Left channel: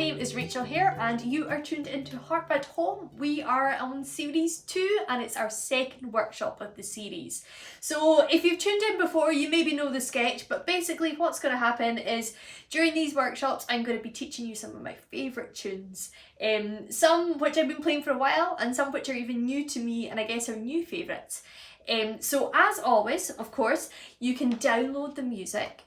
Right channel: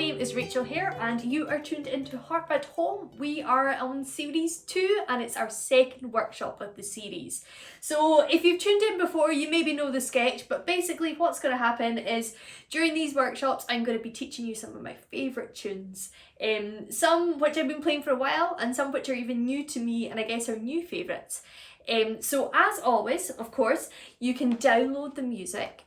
name is Rachel here and you are tuned into Harp at Home. We are on series 2 and it's our second workshop of the series. So if you've tuned in before, you maybe know the sketch, but basically what's going to happen is during these workshops I'm going to be teaching you some of my favourite tunes. Some which I've been playing for a while and some which are even new to me and I guess are new favourites. So as always, of course, you can download the music.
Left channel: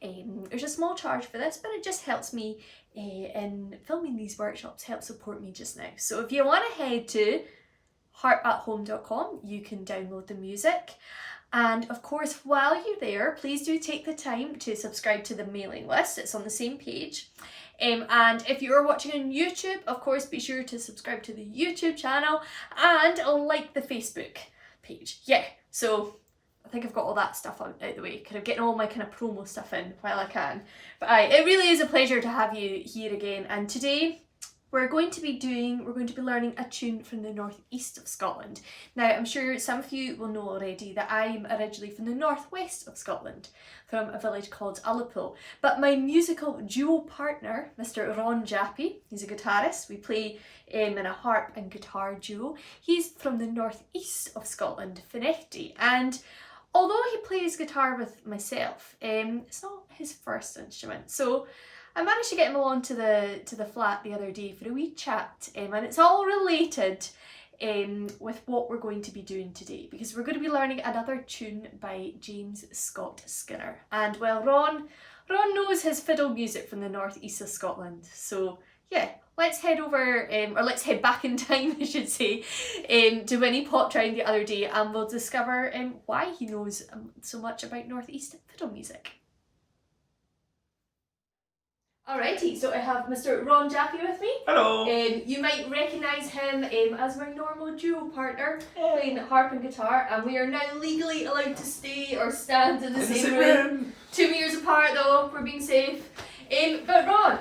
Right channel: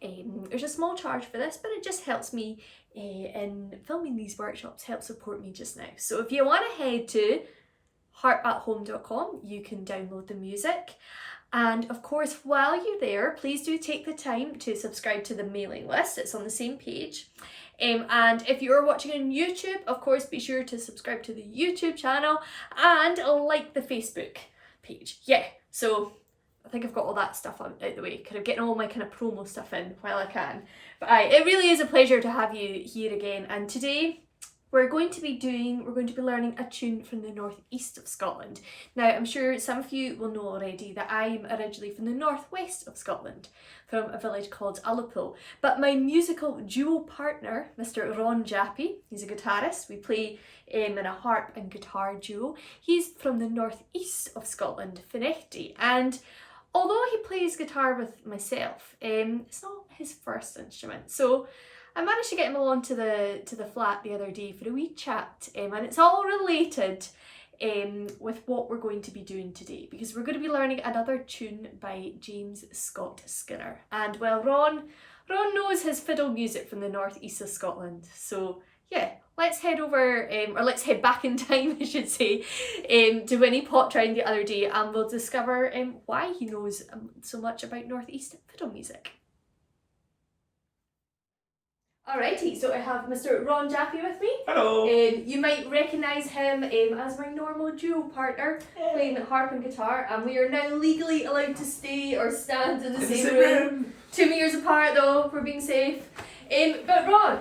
There's a small charge for this, but it just helps me in filming these workshops, help support me just now. So if you want to head to harpathome.com, you can download the music. And of course, while you're there, please do take the time to subscribe to the mailing list. It's on the same page. And if you're watching on YouTube, of course, be sure to subscribe to the YouTube channel and like the Facebook page. Yeah, so I think I've got all that stuff out the way, kind of getting all my kind of promo stuff in while I can. But it really is a pleasure to have you here again. And today we're going to be learning a tune from the northeast of Scotland. Now, I'm sure some of you will know already that I'm originally from the northwest of Scotland, from a village called Ullapool. But my musical duo partner, Mr. Ron Jappy, he's a guitarist. We play in a harp and guitar duo. He's from the northeast of Scotland, Finefty. And although he plays guitar with myself, it's not his first instrument. So I managed to get him along to the flat the other day for a wee chat, and it's all related with what we're going to be doing today, because we're going to be learning another tune by James Scott Skinner. And well, Ron knows his fiddle music from the northeast of Scotland. So yeah, let's head over, or let's head back in time, I should say, to when he popped round the other day, and we'll discover why he knows so much about northeast fiddle music. Alrighty, so I have Mr. Ron Jappy with me. Hello. You might recognise him as my normal duo partner, playing harp and guitar, and we are now legally allowed to stay or stand in the same room. 2 meters apart though, we're being safe. But Ron,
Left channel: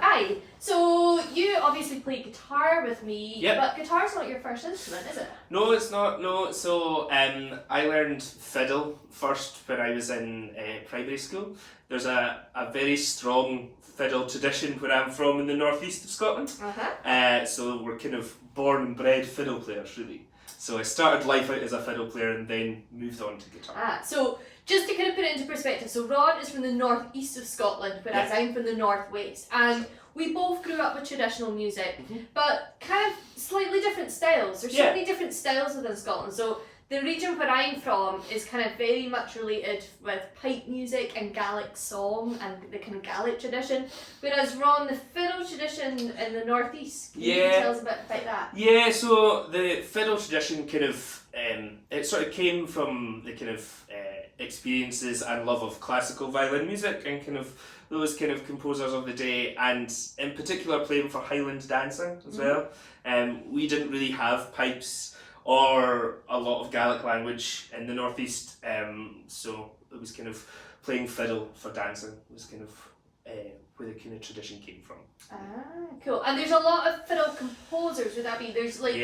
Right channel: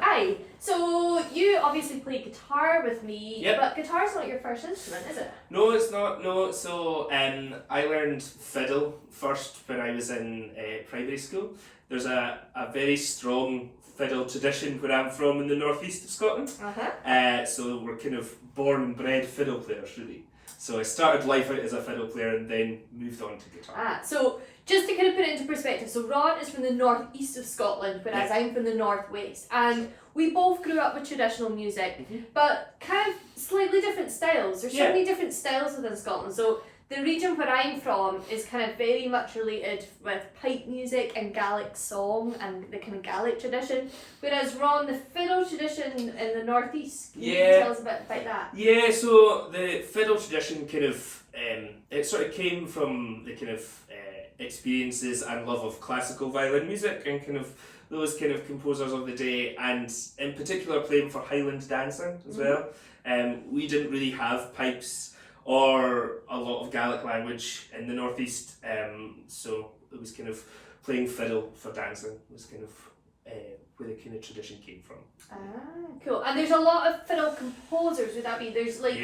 so you obviously play guitar with me, yep. But guitar's not your first instrument, is it? No, it's not, no. So I learned fiddle first when I was in primary school. There's a very strong fiddle tradition where I'm from in the northeast of Scotland. So we're kind of born and bred fiddle players, really. So I started life out as a fiddle player and then moved on to guitar. So just to kind of put it into perspective, so Ron is from the northeast of Scotland, whereas I'm from the northwest, and we both grew up with traditional music, but kind of slightly different styles. There's so many different styles within Scotland. So the region where I'm from is kind of very much related with pipe music and Gaelic song and the kind of Gaelic tradition, whereas Ron, the fiddle tradition in the northeast, can you tell us a bit about that? Yeah, so the fiddle tradition kind of, it sort of came from the kind of experiences and love of classical violin music and kind of those kind of composers of the day, and in particular playing for Highland dancing as well. We didn't really have pipes or a lot of Gaelic language in the northeast, so it was kind of playing fiddle for dancing was kind of where the kind of tradition came from. Cool. And there's a lot of fiddle composers, would that be? There's we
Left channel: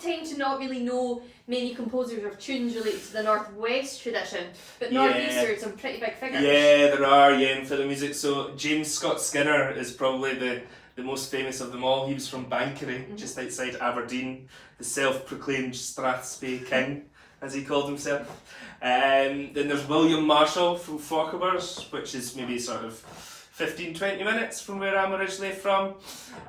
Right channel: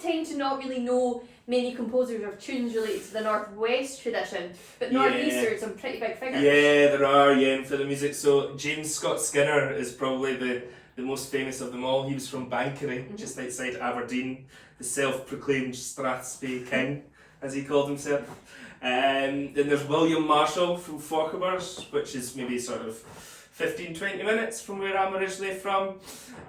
tend to not really know many composers of tunes related to the northwest tradition, but northeastern some pretty big figures. Yeah, there are, in fiddle music. So James Scott Skinner is probably the most famous of them all. He was from Bankery, just outside Aberdeen, the self-proclaimed strathspey king, as he called himself. Then there's William Marshall from Fauquebers, which is maybe sort of 15-20 minutes from where I'm originally from.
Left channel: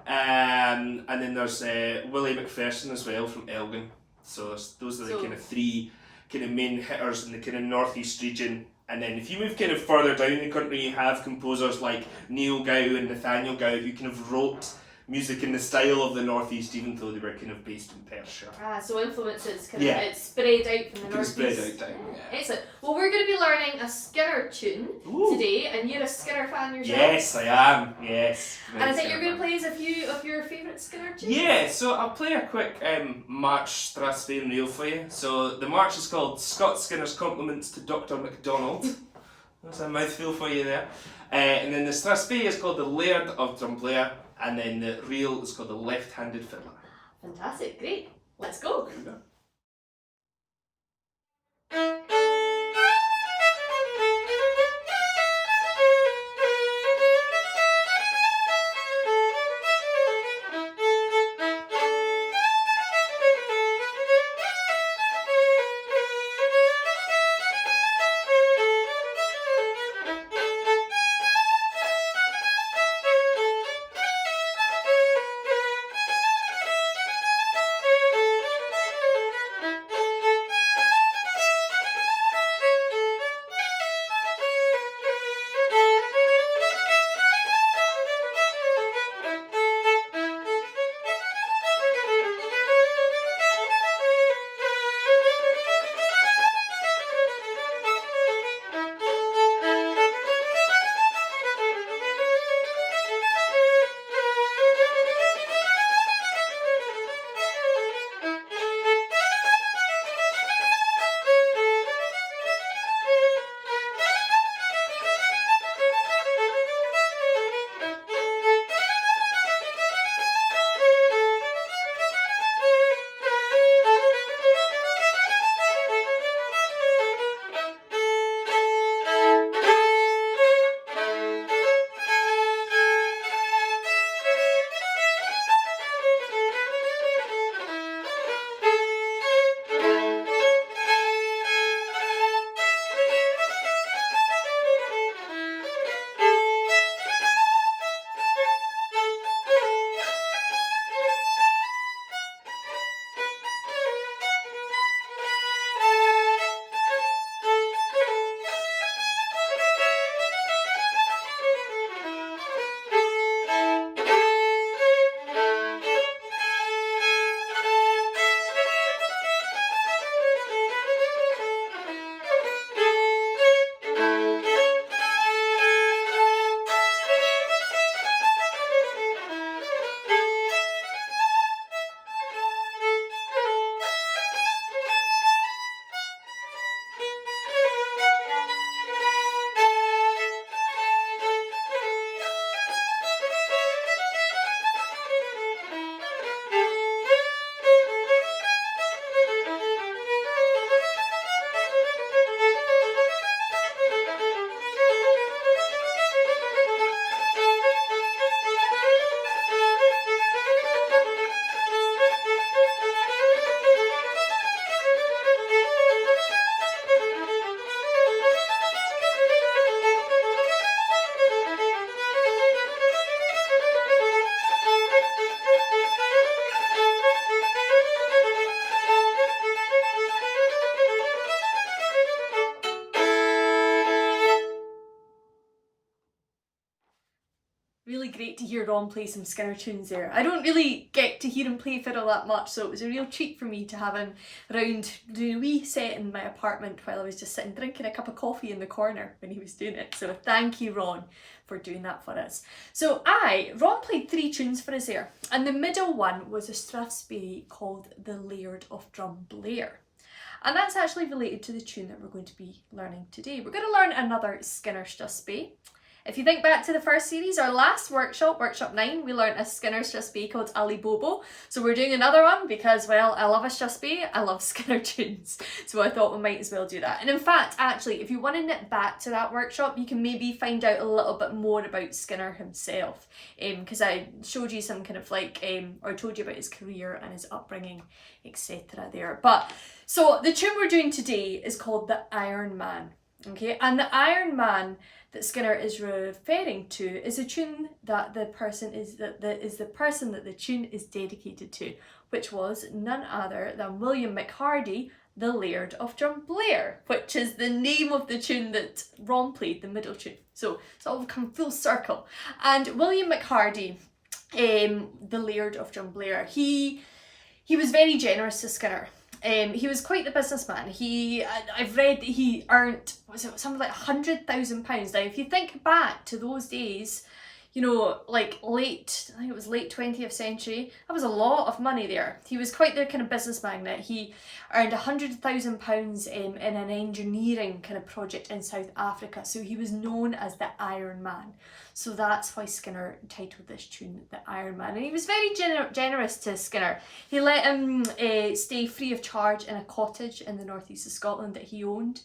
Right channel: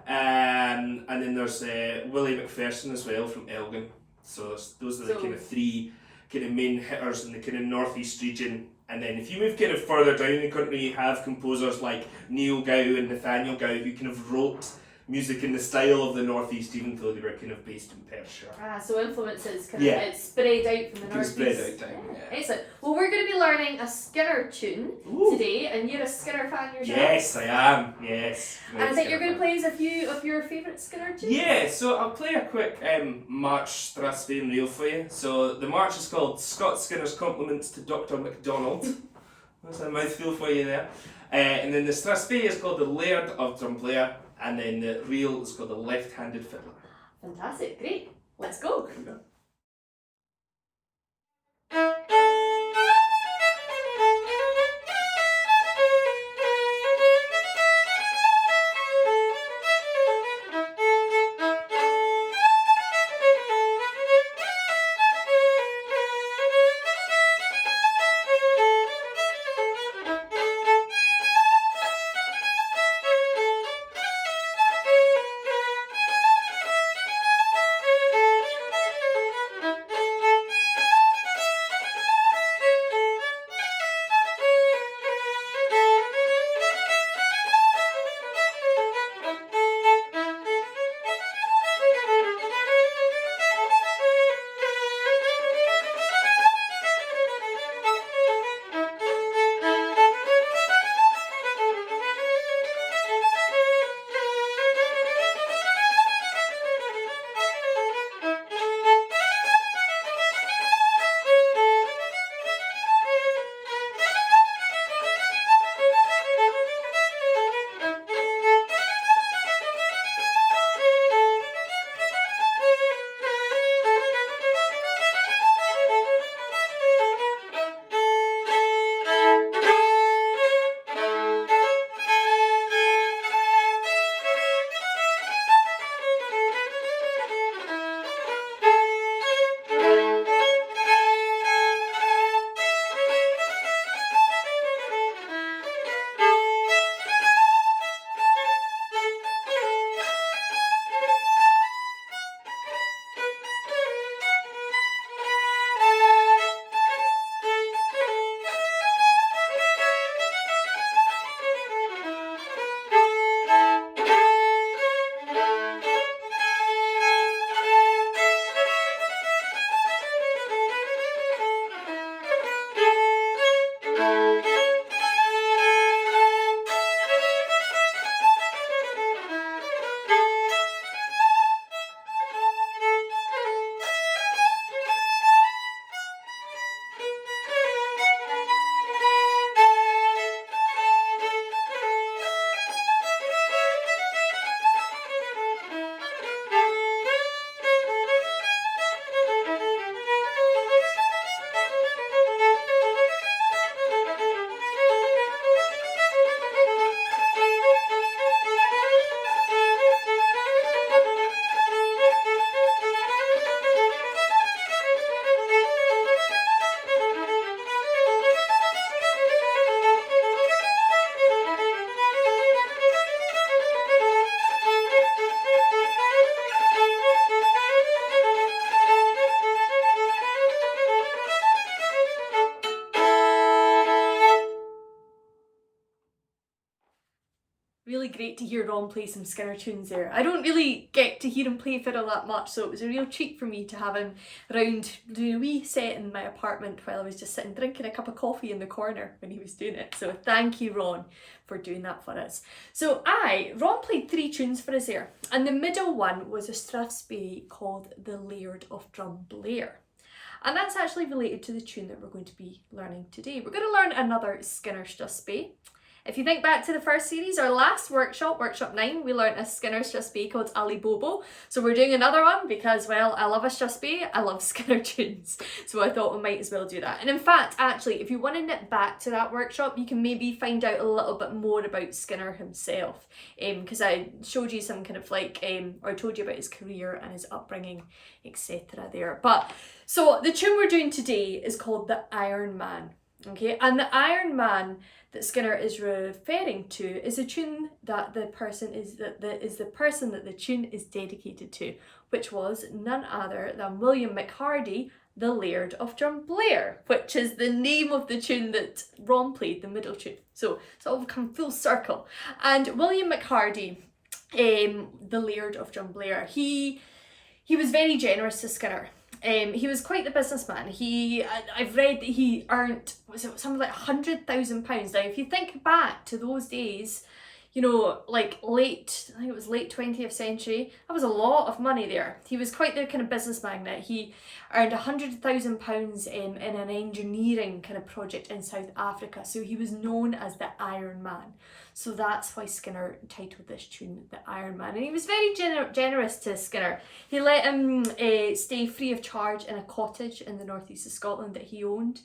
And then there's Willie McPherson as well from Elgin. So those are the kind of three kind of main hitters in the kind of northeast region. And then if you move kind of further down the country, you have composers like Neil Gow and Nathaniel Gow who kind of wrote music in the style of the northeast, even though they were kind of based in Perthshire. So influences kind of it's spread out from the northeast. Spread out down. Excellent. Well, we're going to be learning a Skinner tune today, and you're a Skinner fan yourself. Yes, I am. Yes. And I think you're going to play us a few of your favourite Skinner tunes. Yeah, so I'll play a quick march strathspey and reel for you. So the march is called Scott Skinner's Compliments to Dr. MacDonald. That's a mouthful for you there. And then the strathspey is called the Laird of Drumblea. And then the reel is called the Left-Handed Fiddler. Fantastic, great. Let's go. Really great to hear Ron play some Skinner tunes there. I don't really get to hear him play fiddle that much, so it was a real treat for me to have him around doing a wee set in my apartment while I was just sitting drinking a cup of coffee in the corner when he was doing it. So thank you, Ron, for doing that for us. So Ron played 3 tunes for us there, and the middle one was a strathspey called The Laird of Drumblair. And that's actually related to the tune that we're going to be learning today. We're going to learn another Skinner strathspey. If you think back to the first series, our last workshop, workshop 9, we learnt a Skinner strathspey called Ali Bobo. So we're doing another one because, well, I love a strathspey, I love Skinner tunes. So I thought we might as well do that. And in fact, actually, if you want to nip back to that workshop, you can maybe find out a little bit more about Skinner himself. Because I showed you some kind of like, or I told you about his career and his upbringing, etc. there. But, so the tune we're doing today is called The Iron Man. Okay, and the Iron Man that Skinner is referring to is a tune that the person that the tune is dedicated to, which was none other than William McHardy, the Laird of Drumblair, which is the name of the tune that Ron played, the middle tune. So it's all come full circle. And William McHardy, the Laird of Drumblair, he was very generous to Skinner. He was quite the businessman. I've read that he earned, was it something like £100,000. Now, if you think back to those days, you know, like I think it was late 20th century, that was a lot of money there. He was quite the kind of business magnate. He earned £100,000 in an engineering kind of project in South Africa. So he was known as the Iron Man. So that's why Skinner titled this tune The Iron Man. And he was very generous to Skinner. He let him stay free of charge in a cottage in the northeast of Scotland that he owned.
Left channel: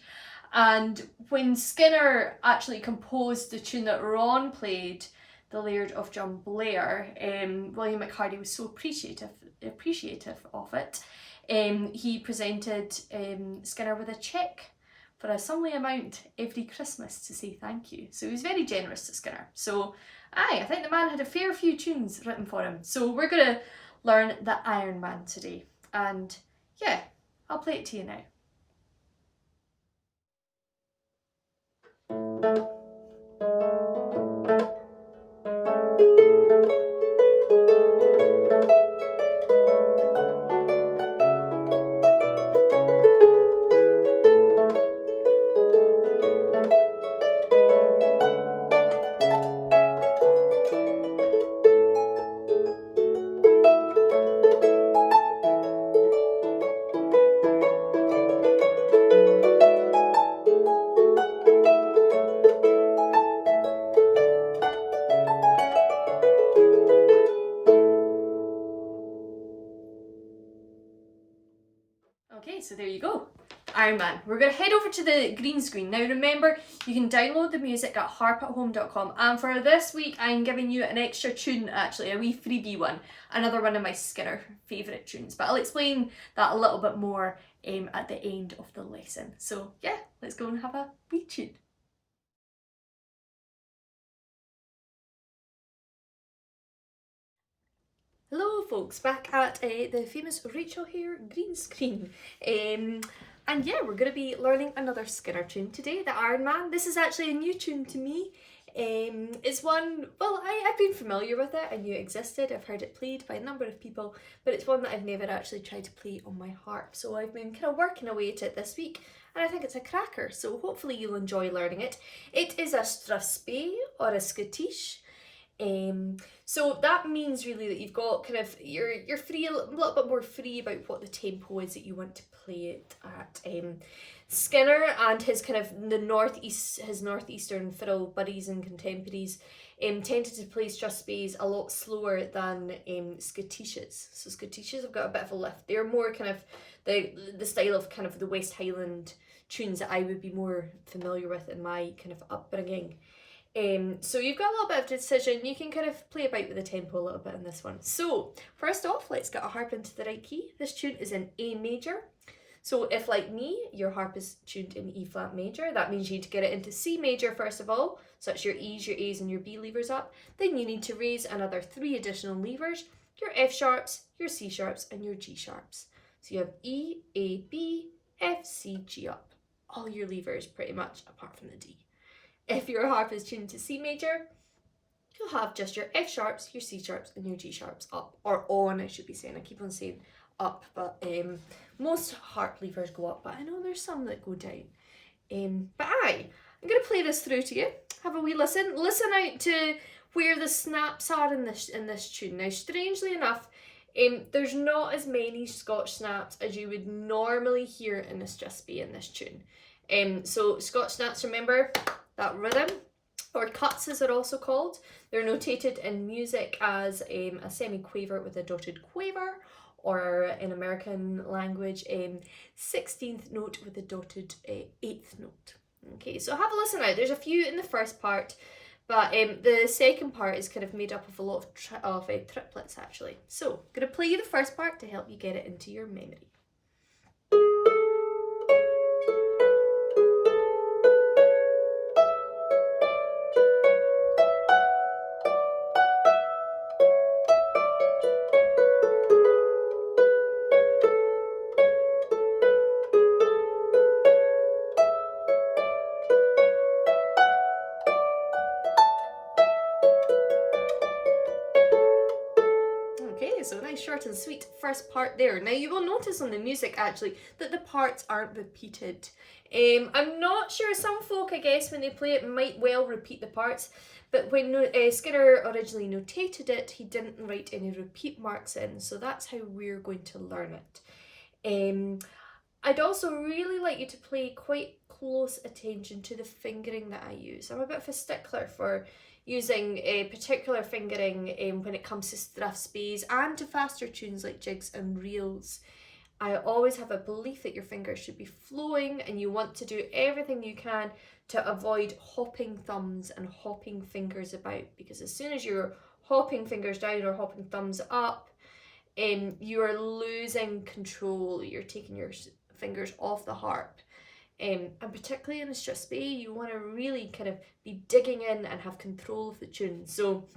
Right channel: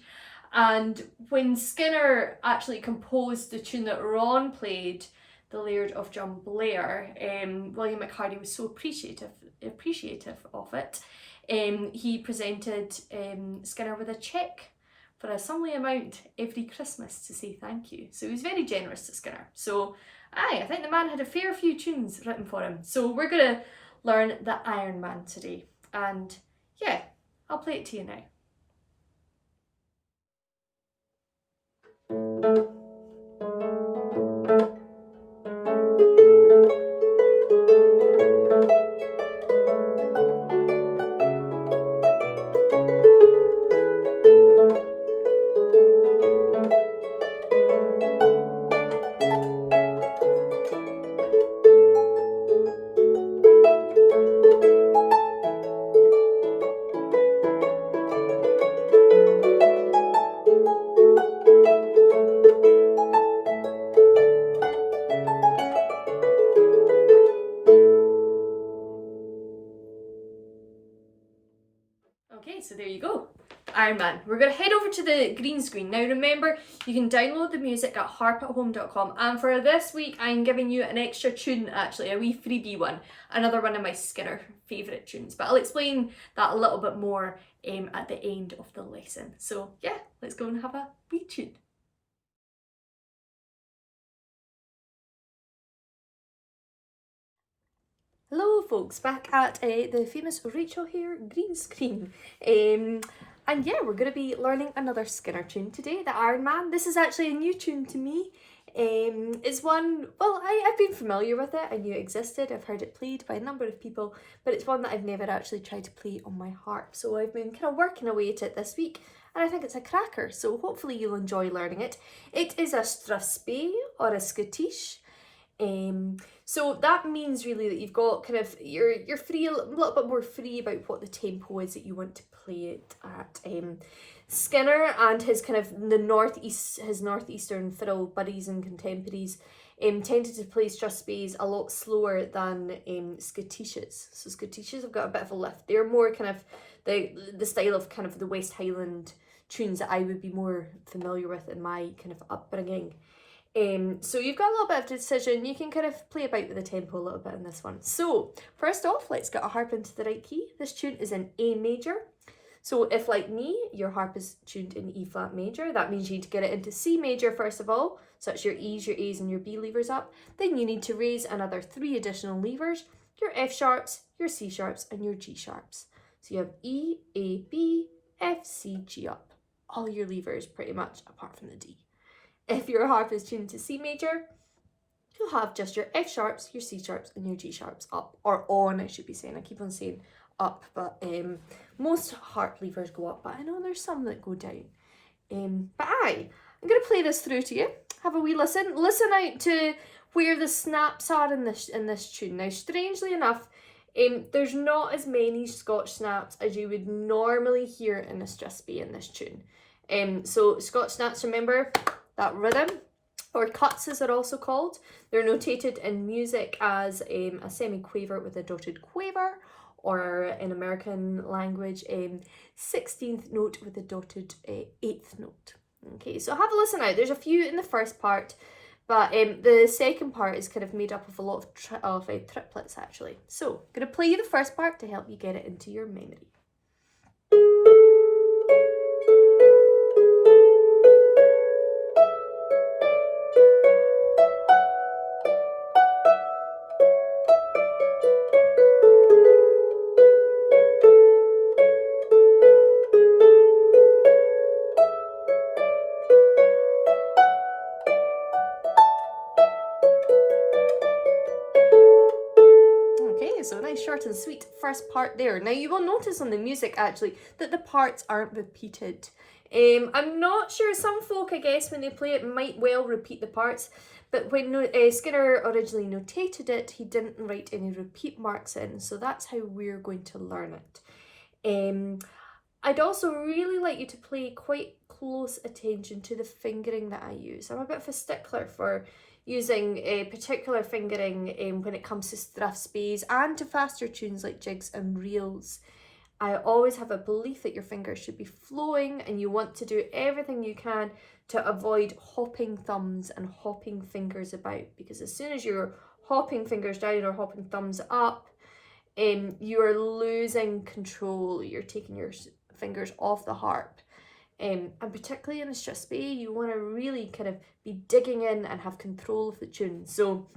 And when Skinner actually composed the tune that Ron played, The Laird of Drumblair, William McHardy was so appreciative of it. He presented Skinner with a cheque for a sumly amount every Christmas to say thank you. So he was very generous to Skinner. So I think the man had a fair few tunes written for him. So we're going to learn the Iron Man today. And yeah, I'll play it to you now. Okay, so there you go. Iron Man. We're going to head over to the green screen. Now remember, you can download the music at harpathome.com, and for this week I'm giving you an extra tune, actually, a wee freebie one, another one of my Skinner favourite tunes, but I'll explain that a little bit more at the end of the lesson. So yeah, let's go and have a wee tune. Hello folks, back at the famous Rachel Hare green screen. And yeah, we're going to be learning another Skinner tune today, the Iron Man. This is actually a new tune to me. It's one, well, I've been familiar with it, I knew it existed, I've heard it played by a number of people, but it's one that I've never actually tried to play on my harp. So I've been kind of working away at it this week, and I think it's a cracker, so hopefully you'll enjoy learning it. It is a strathspey or a scottish. So that means really that you've got kind of, you're free, a little bit more free about what the tempo is that you want to play it at. Skinner and his kind of his northeastern fiddle buddies and contemporaries tended to play strathspeys a lot slower than scottishes. So scottishes have got a bit of a lift. They're more kind of the style of kind of the West Highland tunes that I would be more familiar with in my kind of upbringing. So you've got a little bit of decision. You can kind of play about with the tempo a little bit in this one. So first off, let's get a harp into the right key. This tune is in A major. So if, like me, your harp is tuned in E flat major, that means you need to get it into C major first of all. So that's your E's, your A's and your B levers up. Then you need to raise another 3 additional levers, your F sharps, your C sharps and your G sharps. So you have E, A, B, F, C, G up. All your levers pretty much apart from the D. If your harp is tuned to C major, you'll have just your F sharps, your C sharps, and your G sharps up, or on, I should be saying. I keep on saying up, but most harp levers go up, but I know there's some that go down. But I'm going to play this through to you. Have a wee listen. Listen out to where the snaps are in this tune. Now, strangely enough, there's not as many Scotch snaps as you would normally hear in a strathspey in this tune. So Scotch snaps, remember that rhythm, or cuts as they're also called. They're notated in music as a semi-quaver with a dotted quaver, or in American language, 16th note with a dotted 8th note. Okay, so have a listen out. There's a few in the first part, but the second part is kind of made up of a lot of triplets, actually. So I'm going to play you the first part to help you get it into your memory. So nice short and sweet first part there. Now you will notice on the music actually that the parts aren't repeated. I'm not sure, some folk I guess when they play it might well repeat the parts, but when Skinner originally notated it, he didn't write any repeat marks in, so that's how we're going to learn it. I'd also really like you to pay quite close attention to the fingering that I use. I'm a bit of a stickler for using a particular fingering when it comes to strathspeys and to faster tunes like jigs and reels. I always have a belief that your fingers should be flowing, and you want to do everything you can to avoid hopping thumbs and hopping fingers about, because as soon as you're hopping fingers down or hopping thumbs up, you are losing control. You're taking your fingers off the harp. And particularly in a strathspey, you want to really kind of be digging in and have control of the tune. So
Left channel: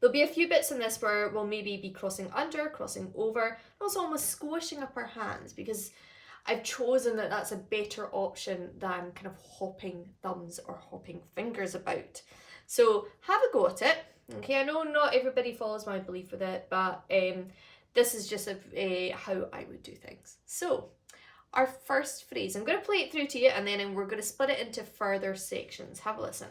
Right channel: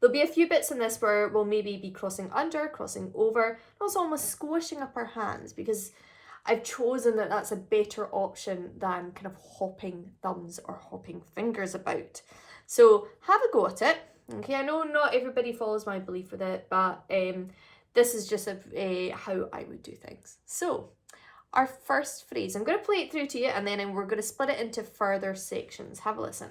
there'll be a few bits in this where we'll maybe be crossing under, crossing over, and also almost squishing up our hands, because I've chosen that that's a better option than kind of hopping thumbs or hopping fingers about. So have a go at it. Okay, I know not everybody follows my belief with it, but this is just how I would do things. So our first phrase, I'm going to play it through to you, and then we're going to split it into further sections. Have a listen.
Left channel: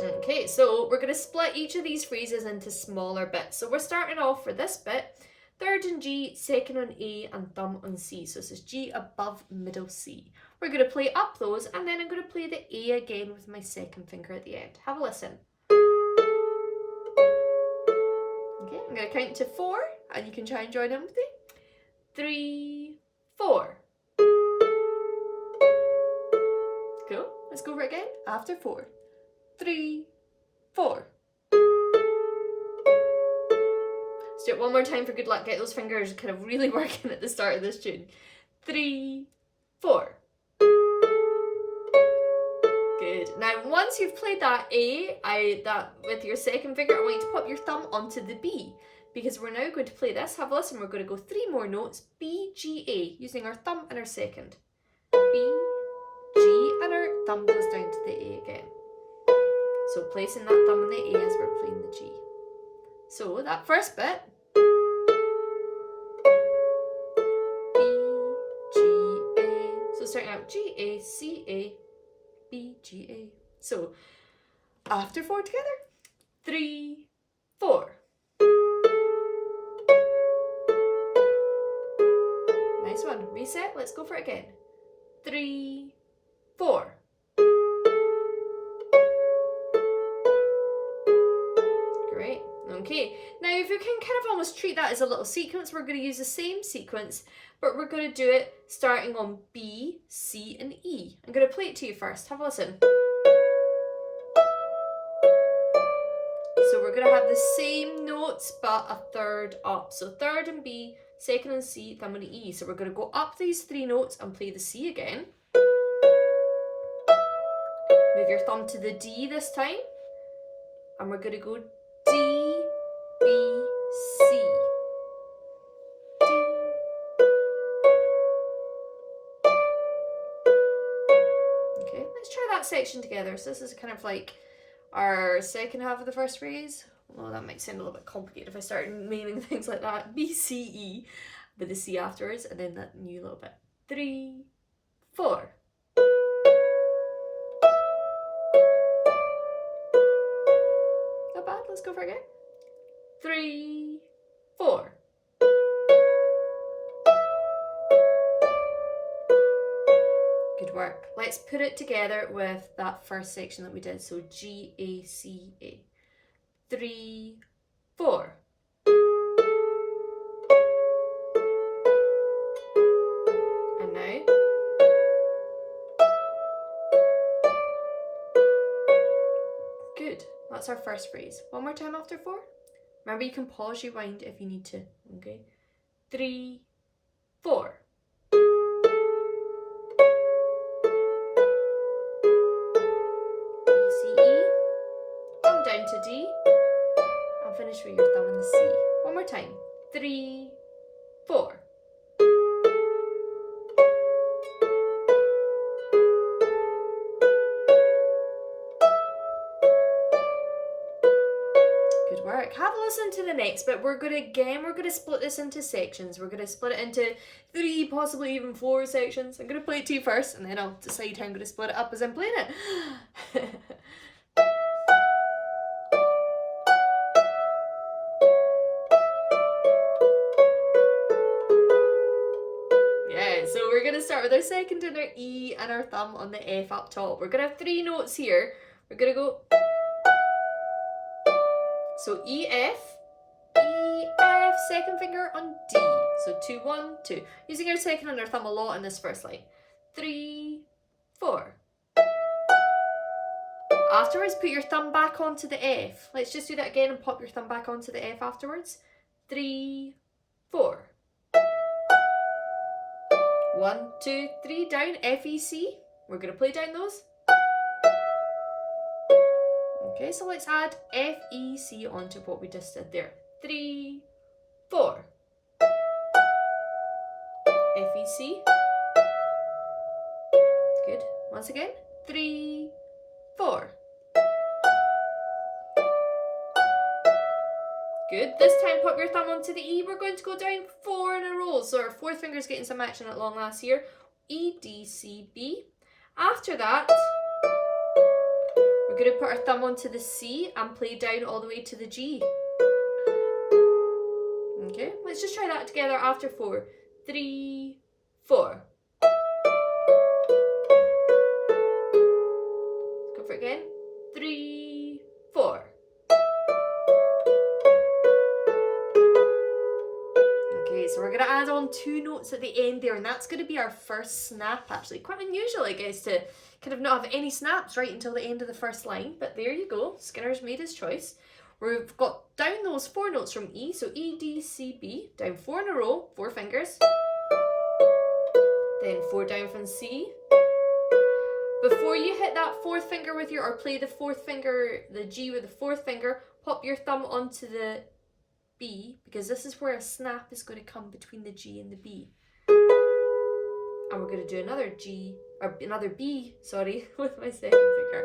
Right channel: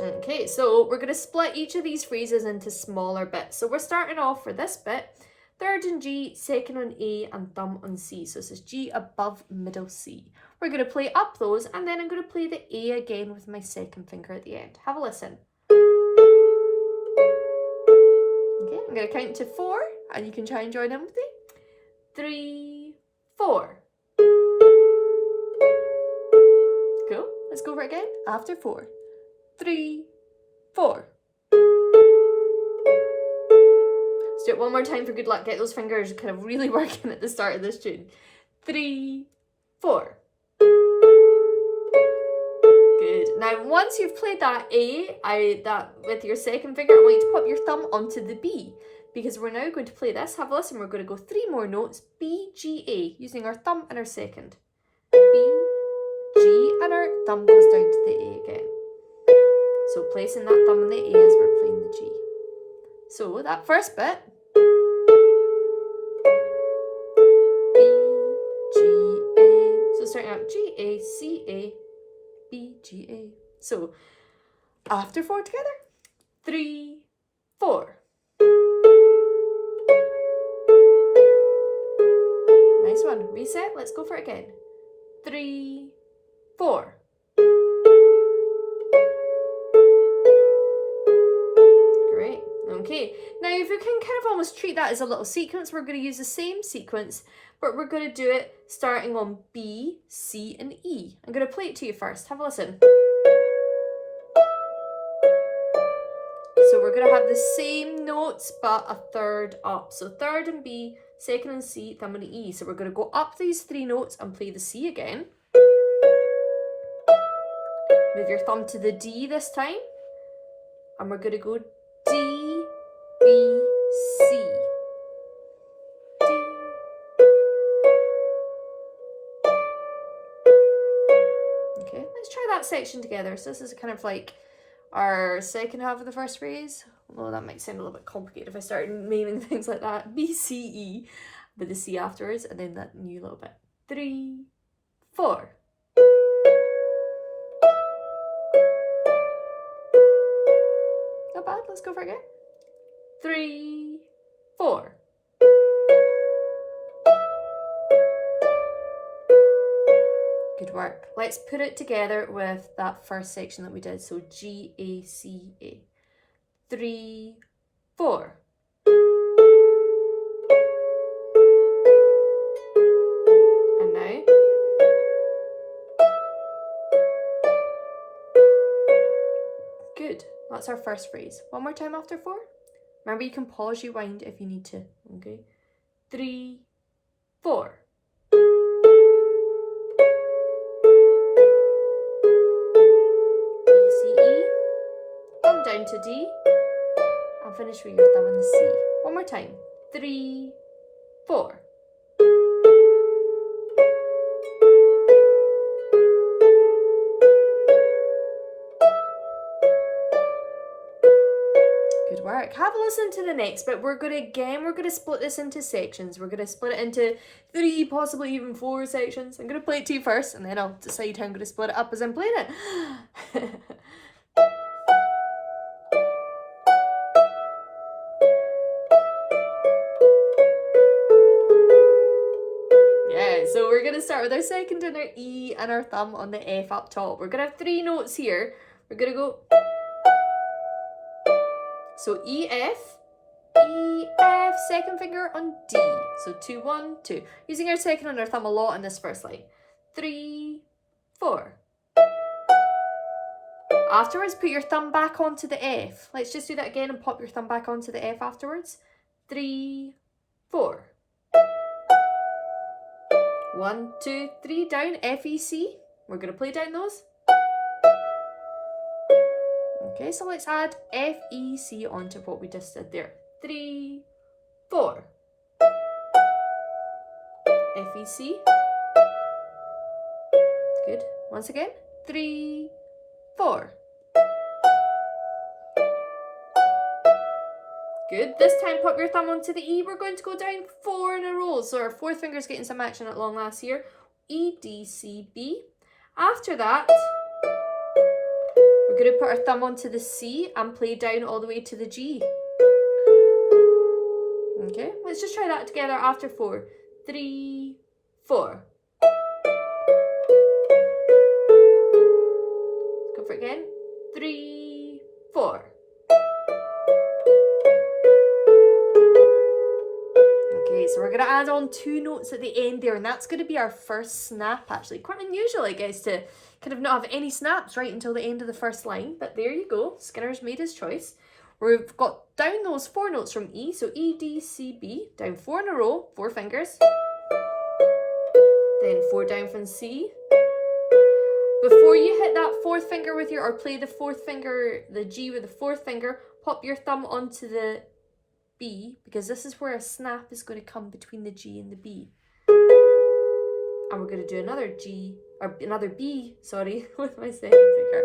Okay, so we're going to split each of these phrases into smaller bits. So we're starting off for this bit, third on G, second on A, and thumb on C. So this is G above middle C. We're going to play up those, and then I'm going to play the A again with my second finger at the end. Have a listen. Okay, I'm going to count to 4, and you can try and join in with me. 3, 4. Cool. Let's go for it again. After 4. 3, 4. Let's do it one more time for good luck. Get those fingers kind of really working at the start of this tune. 3, 4. Good. Now, once you've played that A, that with your second finger, I want you to pop your thumb onto the B, because we're now going to play this. Have a listen. We're going to go 3 more notes, B, G, A, using our thumb and our second. B, G, and our thumb goes down to the A again. So placing that thumb on the A as we're playing the G. So that first bit, B, G, A. So starting out G, A, C, A, B, G, A. So after 4 together, 3, 4. Nice one. Reset. Let's go for it again. 3, 4. Great. Okay. Now, if you can kind of almost treat that as a little sequence, we're going to use the same sequence, but we're going to do it starting on B, C, and E. I'm going to play it to you first. Have a listen. So we're going to have the same notes, but a third up. So third and B, second and C, thumb and E. So we're going to go up these 3 notes and play the C again. Move your thumb to the D this time. And we're going to go D, B, C. D, Okay, let's try that section together. So this is kind of like our second half of the first phrase. Although that might sound a little bit complicated if I start naming things like that. B, C, E, with the C afterwards, and then that new little bit. 3, 4. Not bad, let's go for it again. 3, 4. Good work. Let's put it together with that first section that we did. So G, A, C, A. 3, 4. And now. Good. That's our first phrase. One more time after 4. Remember, you can pause, rewind if you need to. Okay. 3, 4. Down to D and finish with your thumb on the C. One more time. 3, 4. Good work. Have a listen to the next bit. We're going to split this into sections. We're going to split it into 3, possibly even 4 sections. I'm going to play it to you first, and then I'll decide how I'm going to split it up as I'm playing it. So we're going to start with our second and our E and our thumb on the F up top. We're going to have 3 notes here. We're going to go. So E, F, second finger on D. So 2, 1, 2. Using our second and our thumb a lot in this first line. 3, 4. Afterwards, put your thumb back onto the F. Let's just do that again and pop your thumb back onto the F afterwards. 3, 4. 1, 2, 3, down, F, E, C. We're going to play down those. Okay, so let's add F, E, C onto what we just did there. 3, 4. F, E, C. Good. Once again. 3, 4. Good. This time pop your thumb onto the E. We're going to go down 4 in a row. So our fourth finger's getting some action at long last here. E, D, C, B. After that, we're going to put our thumb onto the C and play down all the way to the G. Okay, let's just try that together after 4. 3, 4. Go for it again. 3, 4. So we're going to add on 2 notes at the end there, and that's going to be our first snap actually. Quite unusual, I guess, to kind of not have any snaps right until the end of the first line, but there you go. Skinner's made his choice. We've got down those 4 notes from E, so E, D, C, B, down 4 in a row, 4 fingers. Then 4 down from C. Before you hit that 4th finger with your, or play the 4th finger, the G with the 4th finger, pop your thumb onto the B, because this is where a snap is going to come between the G and the B. And we're going to do another G, or another B, sorry, with my second finger.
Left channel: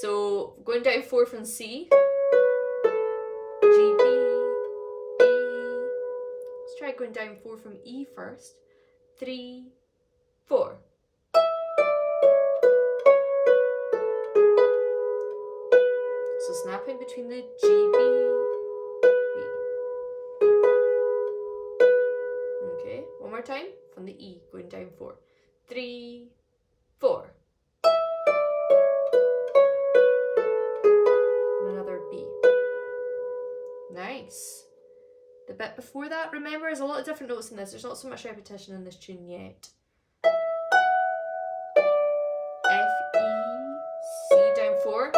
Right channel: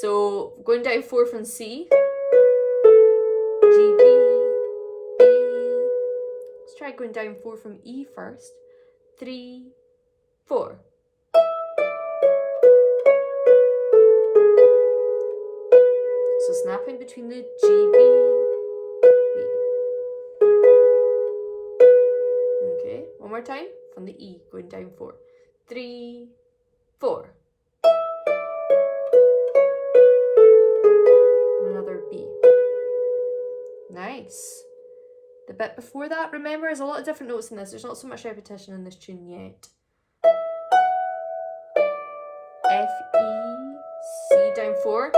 So going down 4 from C, G, B, B. Let's try going down 4 from E first. 3, 4. So snapping between the G, B. Okay, one more time from the E, going down 4. 3, 4. And another B. Nice. The bit before that, remember, there's a lot of different notes in this. There's not so much repetition in this tune yet. F, E, C, down 4.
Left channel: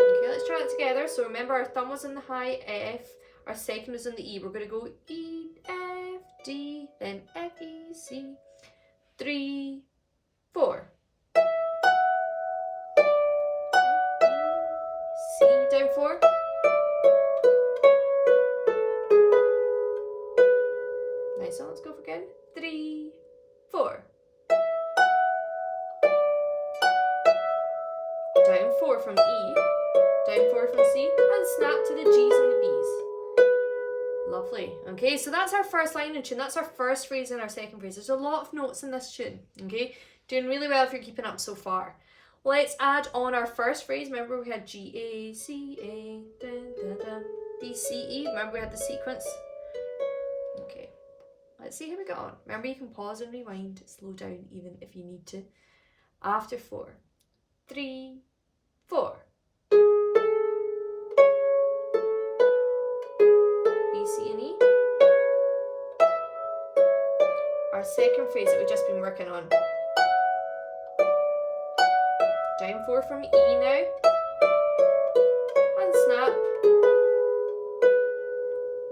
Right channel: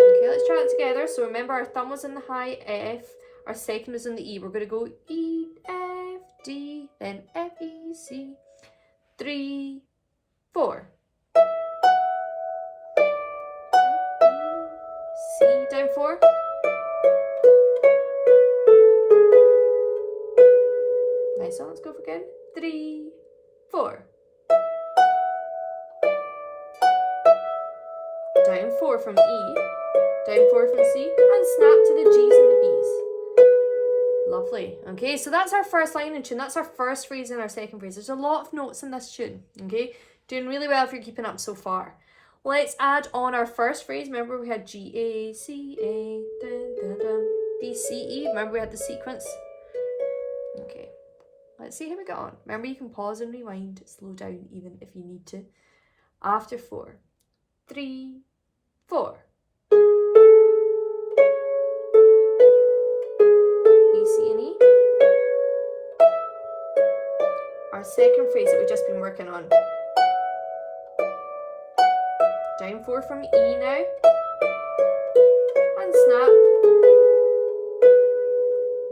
Okay, let's try it together. So remember, our thumb was in the high F. Our second was in the E. We're going to go E, F, D, then F, E, C. 3, 4. C, down 4. Nice one. Let's go for again. 3, 4. Down 4 from E, down 4 from C, and snap to the G's and the B's. Lovely. Okay, so that's our first line in tune. That's our first phrase and our second phrase. There's a lot of notes in this tune. Okay, doing really well if you're keeping up so far. Let's add on our first phrase. Remember we had G, A, C, A, dun, dun, dun, B, C, E. Remember we had the sequence? Okay, let's see how we got on. Remember you can pause and rewind, slow down even if you need to. After 4, 3, 4. B, C, and E. Our second phrase that we've just been working on. Down 4 from E now. And snap.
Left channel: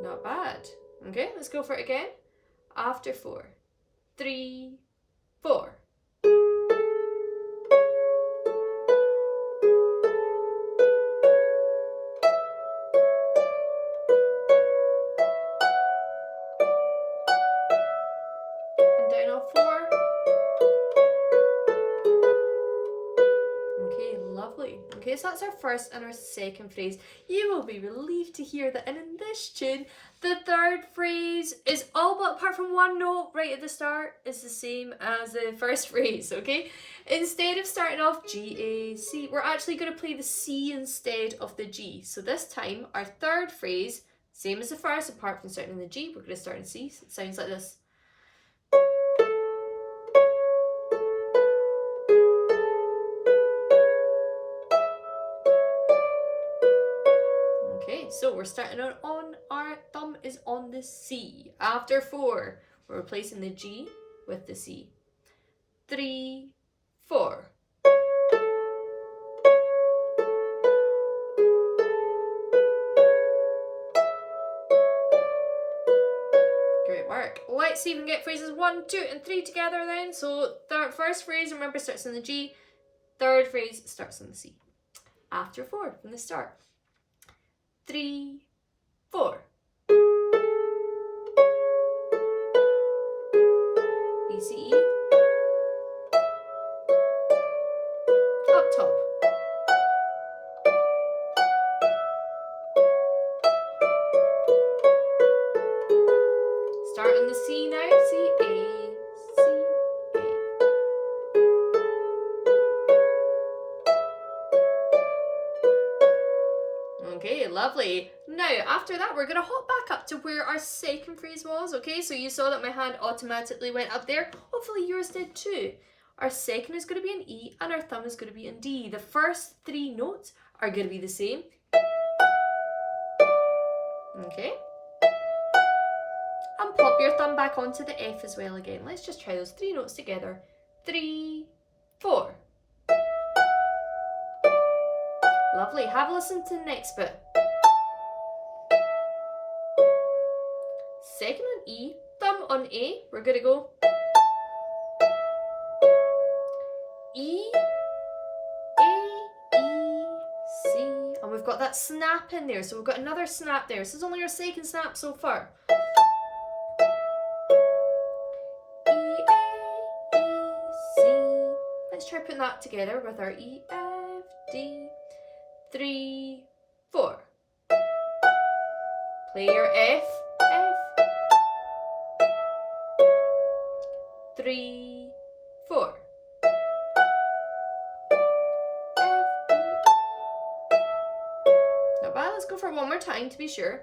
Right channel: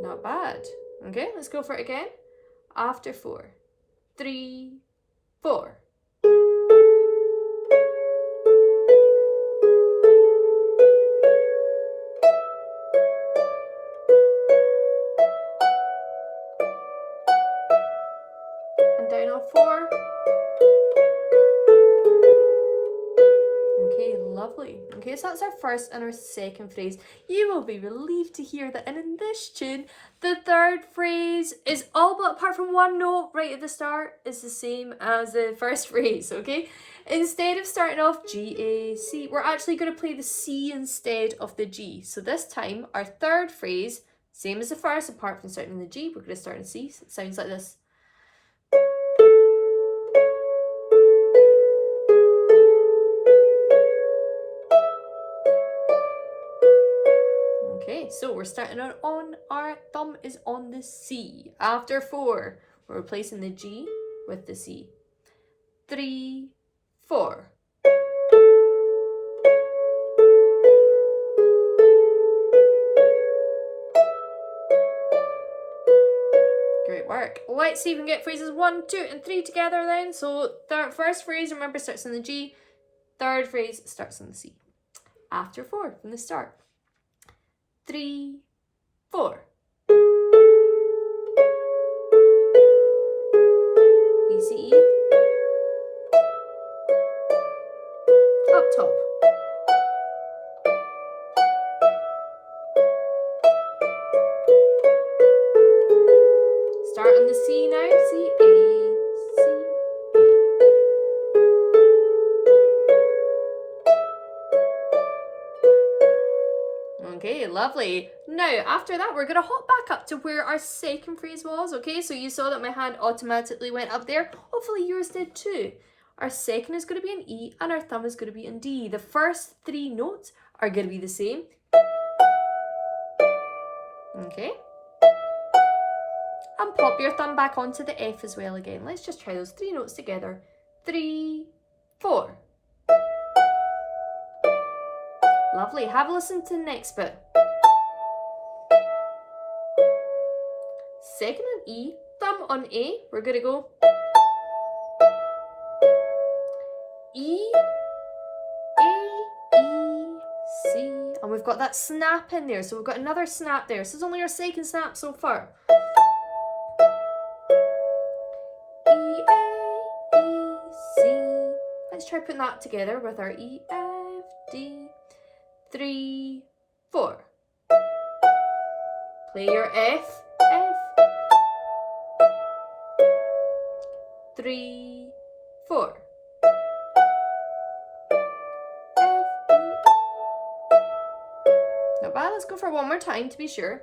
Not bad. Okay, let's go for it again. After 4, 3, 4. And down on 4. Okay, lovely. Okay, so that's our first and our second phrase. You will be relieved to hear that in this tune, the third phrase is all but apart from one note right at the start is the same as the first phrase, okay? Instead of starting off G, A, C, we're actually going to play the C instead of the G. So this time, our third phrase, same as the first, apart from starting in the G, we're going to start in C. So it sounds like this. Okay, so we're starting on our thumb is on the C. After 4, we're replacing the G with the C. 3, 4. Great work. Let's see if we can get phrases 1, 2, and 3 together then. So the first phrase, remember, starts in the G. Third phrase starts in the C. After 4, from the start. 3, 4. B, C, E. Up top. Start on the C now. C, A, C, A. Okay, lovely. Now, after that, we're going to hop back up to where our second phrase was, okay? So you saw that my hand automatically went up there. Hopefully yours did too. Our second is going to be an E and our thumb is going to be in D. The first 3 notes are going to be the same. Okay. And pop your thumb back onto the F as well again. Let's just try those 3 notes together. 3, 4. Lovely. Have a listen to the next bit. Second on E, thumb on A. We're going to go E, A, E, C. And we've got that snap in there. So we've got another snap there. This is only our second snap so far. E, A, E, C. Let's try putting that together with our E, F, D. 3, 4. Play your F, F. 3, 4. F, E. Not bad. Let's go for one more time to be sure.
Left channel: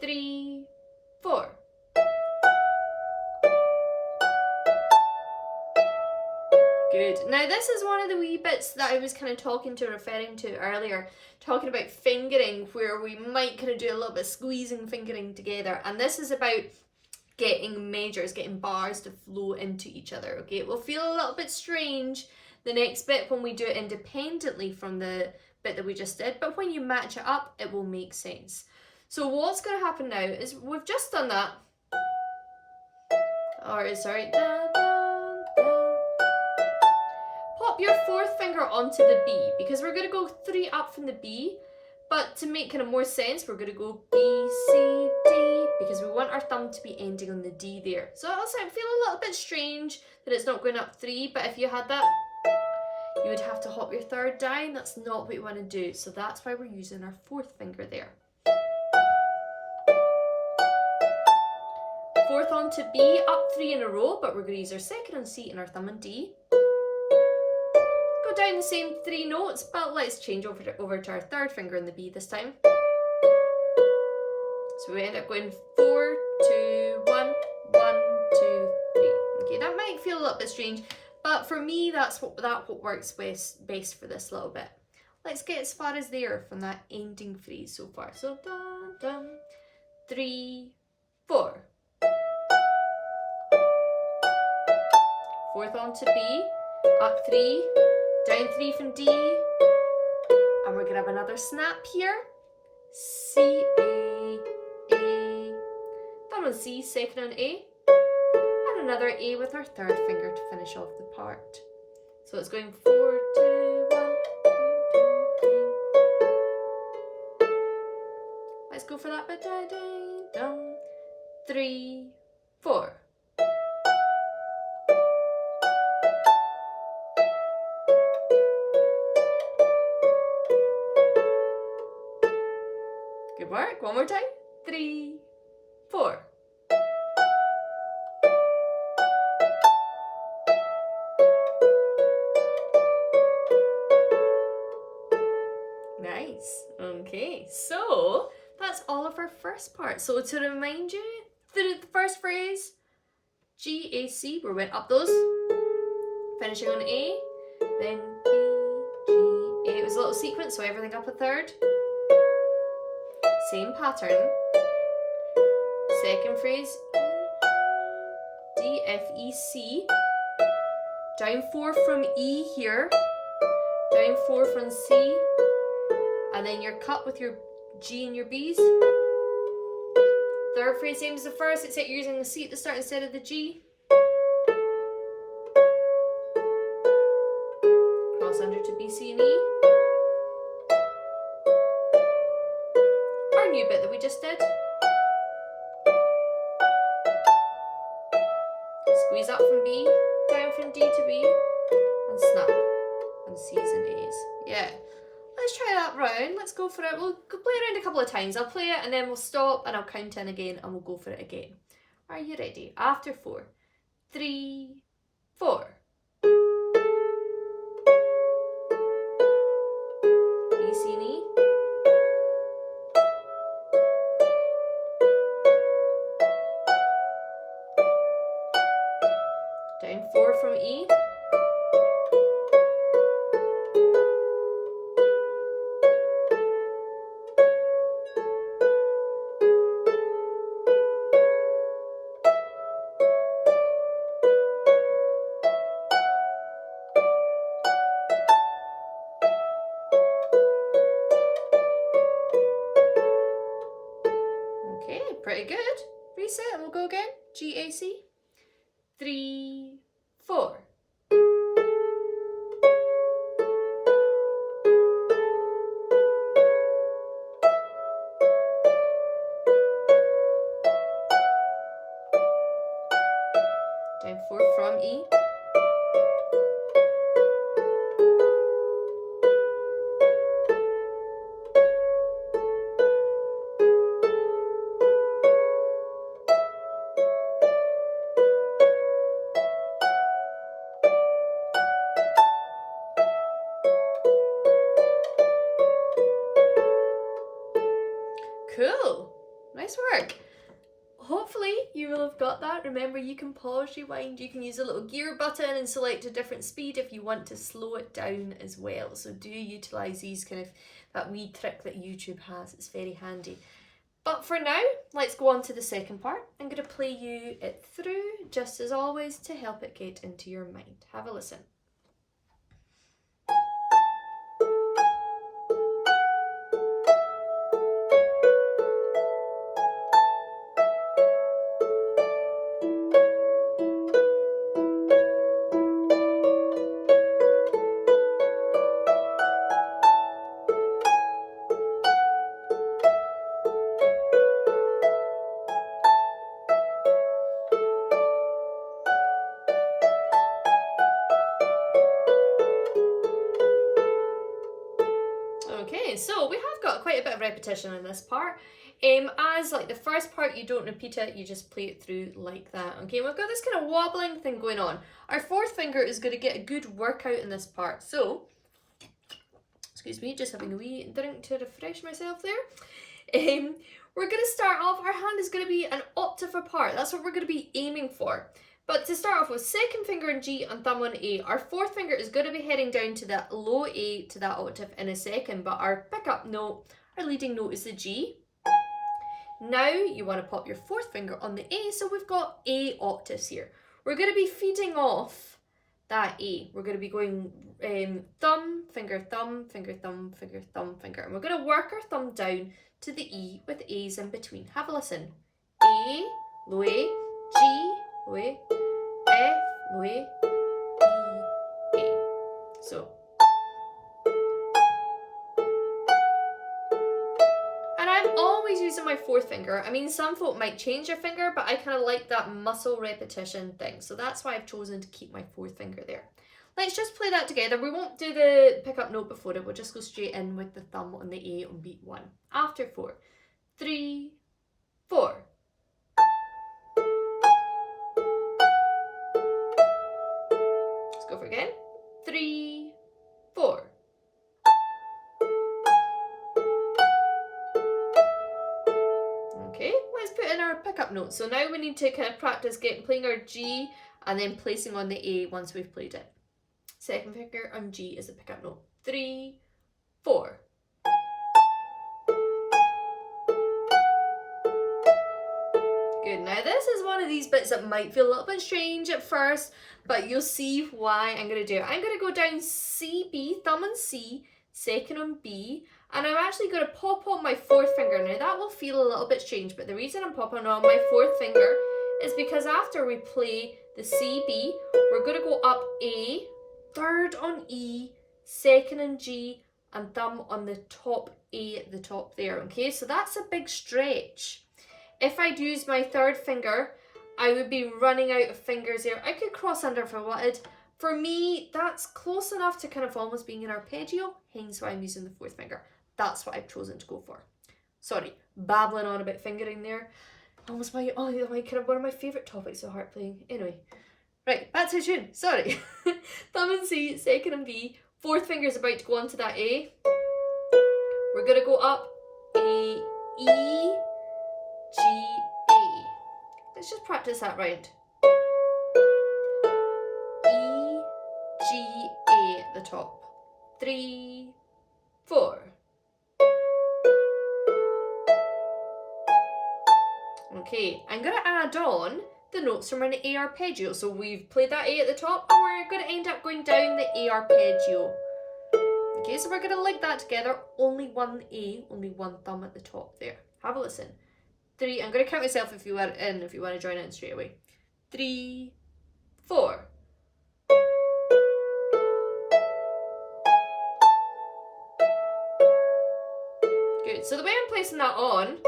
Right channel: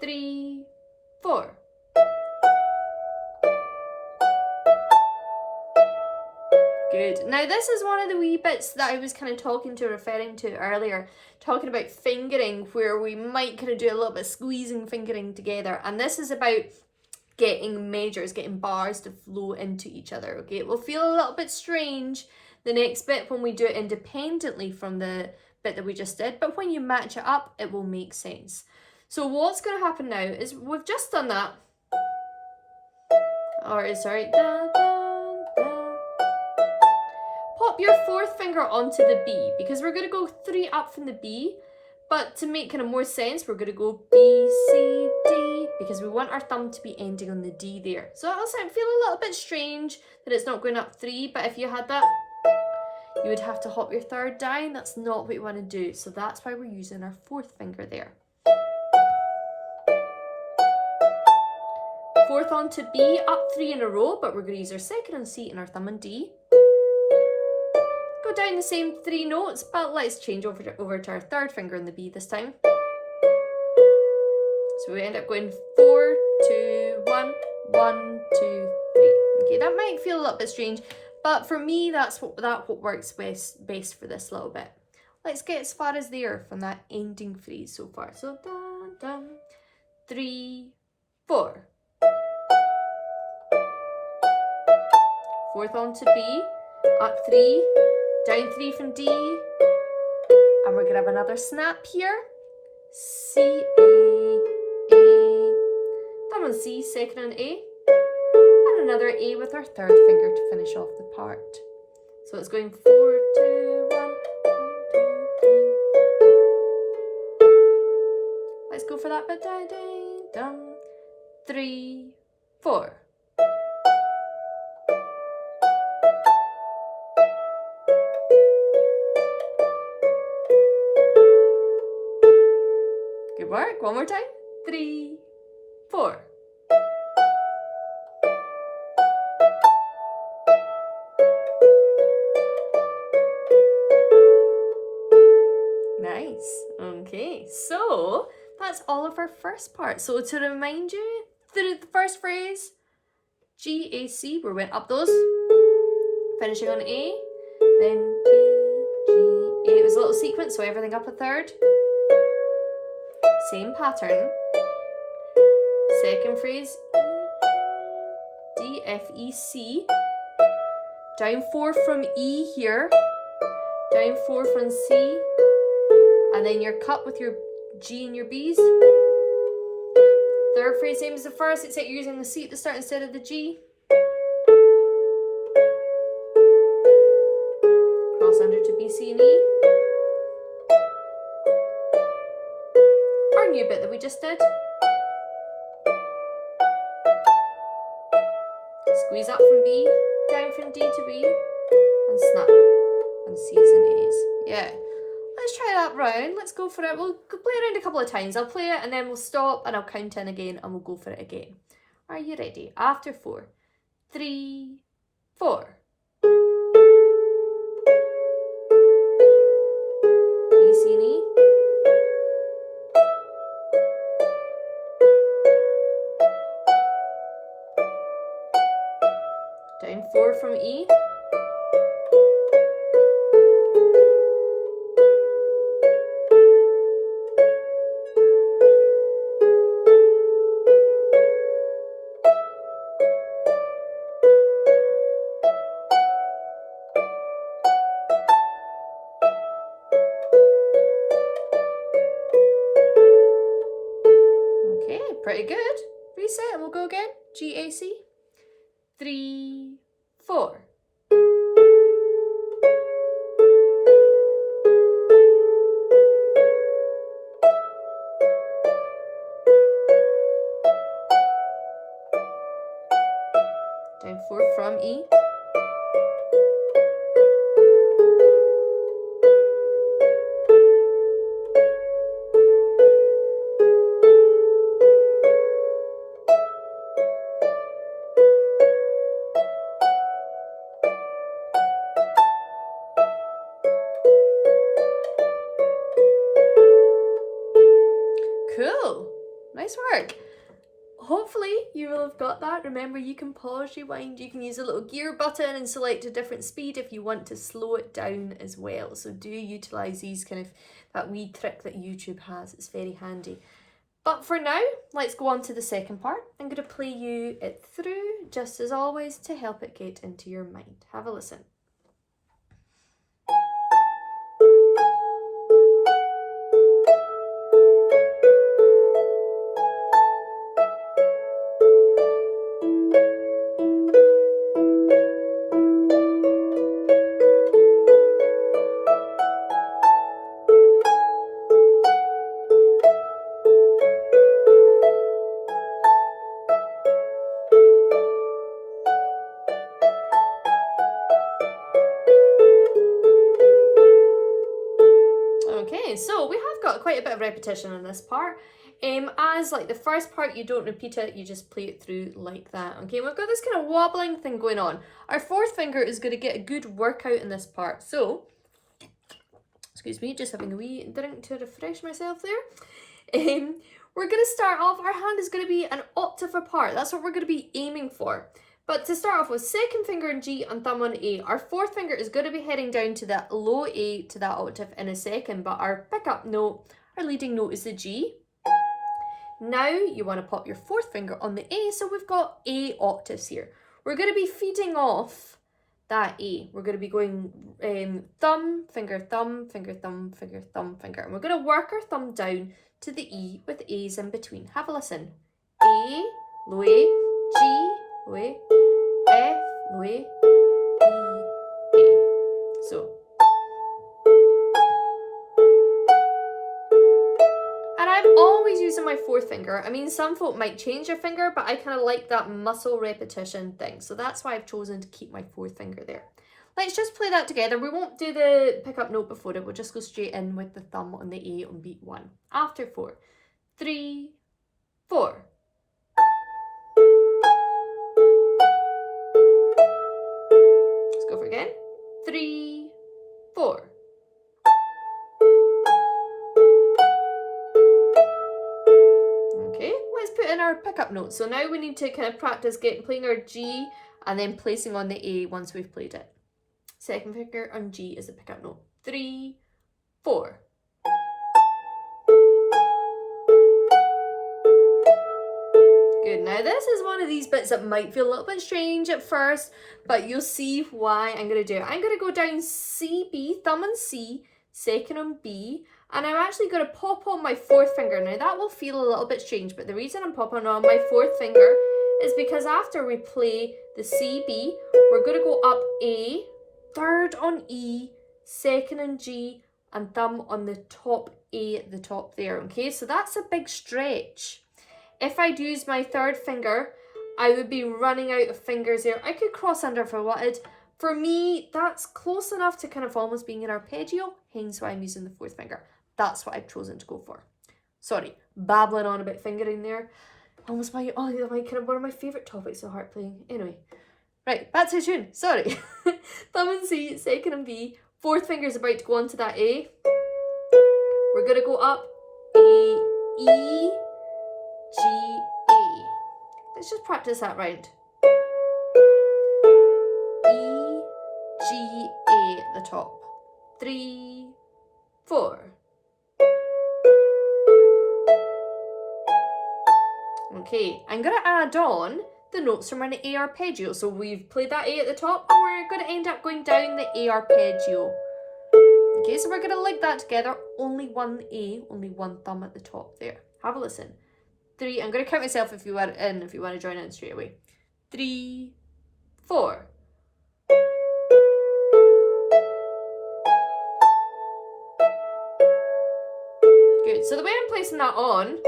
3, 4. Good. Now this is one of the wee bits that I was kind of referring to earlier, talking about fingering, where we might kind of do a little bit of squeezing fingering together, and this is about getting measures, getting bars to flow into each other, okay? It will feel a little bit strange the next bit when we do it independently from the bit that we just did, but when you match it up, it will make sense. So what's going to happen now is we've just done that, or sorry, pop your fourth finger onto the B, because we're going to go 3 up from the B, but to make kind of more sense, we're going to go B, C, D, because we want our thumb to be ending on the D there. So it'll feel a little bit strange that it's not going up 3, but if you had that, you would have to hop your 3rd down. That's not what we want to do. So that's why we're using our 4th finger there. 4th on to B, up 3 in a row, but we're going to use our 2nd on C and our thumb on D. Go down the same 3 notes, but let's change over to our 3rd finger on the B this time. So we end up going 4, 2, 1, 1, 2, 3. Okay, that might feel a little bit strange, but for me, that's what works best for this little bit. Let's get as far as there from that ending phrase so far. So dun, dun, 3, 4. 4th on to B, up 3, down 3 from D, and we're going to have another snap here. C, A, thumb on C, 2nd on A, and another A with our 3rd finger to finish off the part. So it's going 4, 2, 1, 1, 2, 3. Let's go for that bit. Dun, dun, dun. 3, 4. Good work. One more time. 3, 4. Nice. Okay, so that's all of our first part. So to remind you, the first phrase, G, A, C, we went up those, finishing on A, then B, G, A. It was a little sequence, so everything up a 3rd. Same pattern. 2nd phrase, D, F, E, C. Down 4 from E here. Down 4 from C. And then your cut with your G and your B's. 3rd phrase, same as the first, except you're using the C at the start instead of the G. Cross under to B, C, and E. Our new bit that we just did. Squeeze up from B, down from D to B, and snap on C's and A's. Yeah. Let's try that round. Let's go for it. We'll play around a couple of times. I'll play it and then we'll stop and I'll count in again and we'll go for it again. Are you ready? After 4, 3, 4. B, C, and E. Down 4 from E. Okay, pretty good. Reset, we'll go again. G, A, C. 3, 4. Down 4 from E. Cool. Nice work. Hopefully you will have got that. Remember, you can pause, rewind, you can use a little gear button and select a different speed if you want to slow it down as well. So do utilise these that wee trick that YouTube has. It's very handy. But for now, let's go on to the second part. I'm going to play you it through, just as always, to help it get into your mind. Have a listen. of repetition in this part. As like the first part, you don't repeat it, you just play it through like that. Okay, we've got this kind of wobbling thing going on. Our fourth finger is going to get a good workout in this part. So, excuse me, just having a wee drink to refresh myself there. We're going to start off, our hand is going to be an octave apart. That's what we're going to be aiming for. But to start off with, second finger on G and thumb on A. Our fourth finger is going to be heading down to that low A to that octave in a second, but our pickup note, our leading note is the G. Now you want to pop your fourth finger on the A, so we've got A octaves here. We're going to be feeding off that A. We're going to be going thumb, finger, thumb, finger, thumb, finger, thumb, finger. And we're going to work our thumb down to the E with A's in between. Have a listen. A, low A, G, low A, F, low A, E, A. So. And I'm always using my fourth finger. I mean, some folk might change their finger, but I kind of like that muscle repetition thing. So that's why I've chosen to keep my fourth finger there. Let's just play that together. We won't do the pickup note before it. We'll just go straight in with the thumb on the A on beat 1. After 4, 3, 4. Let's go for it again. 3, 4. Okay, let's put in our pickup note. So now we need to kind of practice playing our G and then placing on the A once we've played it. Second finger on G is the pickup note. 3, 4. Good. Now this is one of these bits that might feel a little bit strange at first, but you'll see why I'm going to do it. I'm going to go down C, B, thumb on C, second on B, and I'm actually going to pop on my fourth finger. Now that will feel a little bit strange, but the reason I'm popping on my fourth finger is because after we play the C, B, we're going to go up A, third on E, second on G, and thumb on the top A at the top there, okay? So that's a big stretch. If I'd use my third finger, I would be running out of fingers there. I could cross under if I wanted. For me, that's close enough to kind of almost being an arpeggio, hence why I'm using the fourth finger. That's what I've chosen to go for. Sorry, babbling on about fingering there. Almost my kind of one of my favourite topics of harp playing. Anyway. Right, back to the tune. Sorry. Thumb and C, second and B. Fourth finger's about to go onto that A. We're going to go up A, E, G, A. Let's just practice that round. E, G, A at the top. 3, 4. Okay, I'm going to add on the notes from an A arpeggio. So we've played that A at the top and we're going to end up going down the A arpeggio. Okay, so we're going to link that together. Only one A, only one thumb at the top there. Have a listen. 3, I'm going to count myself if you want to join in straight away. 3, 4. Good, so the way I'm placing that on,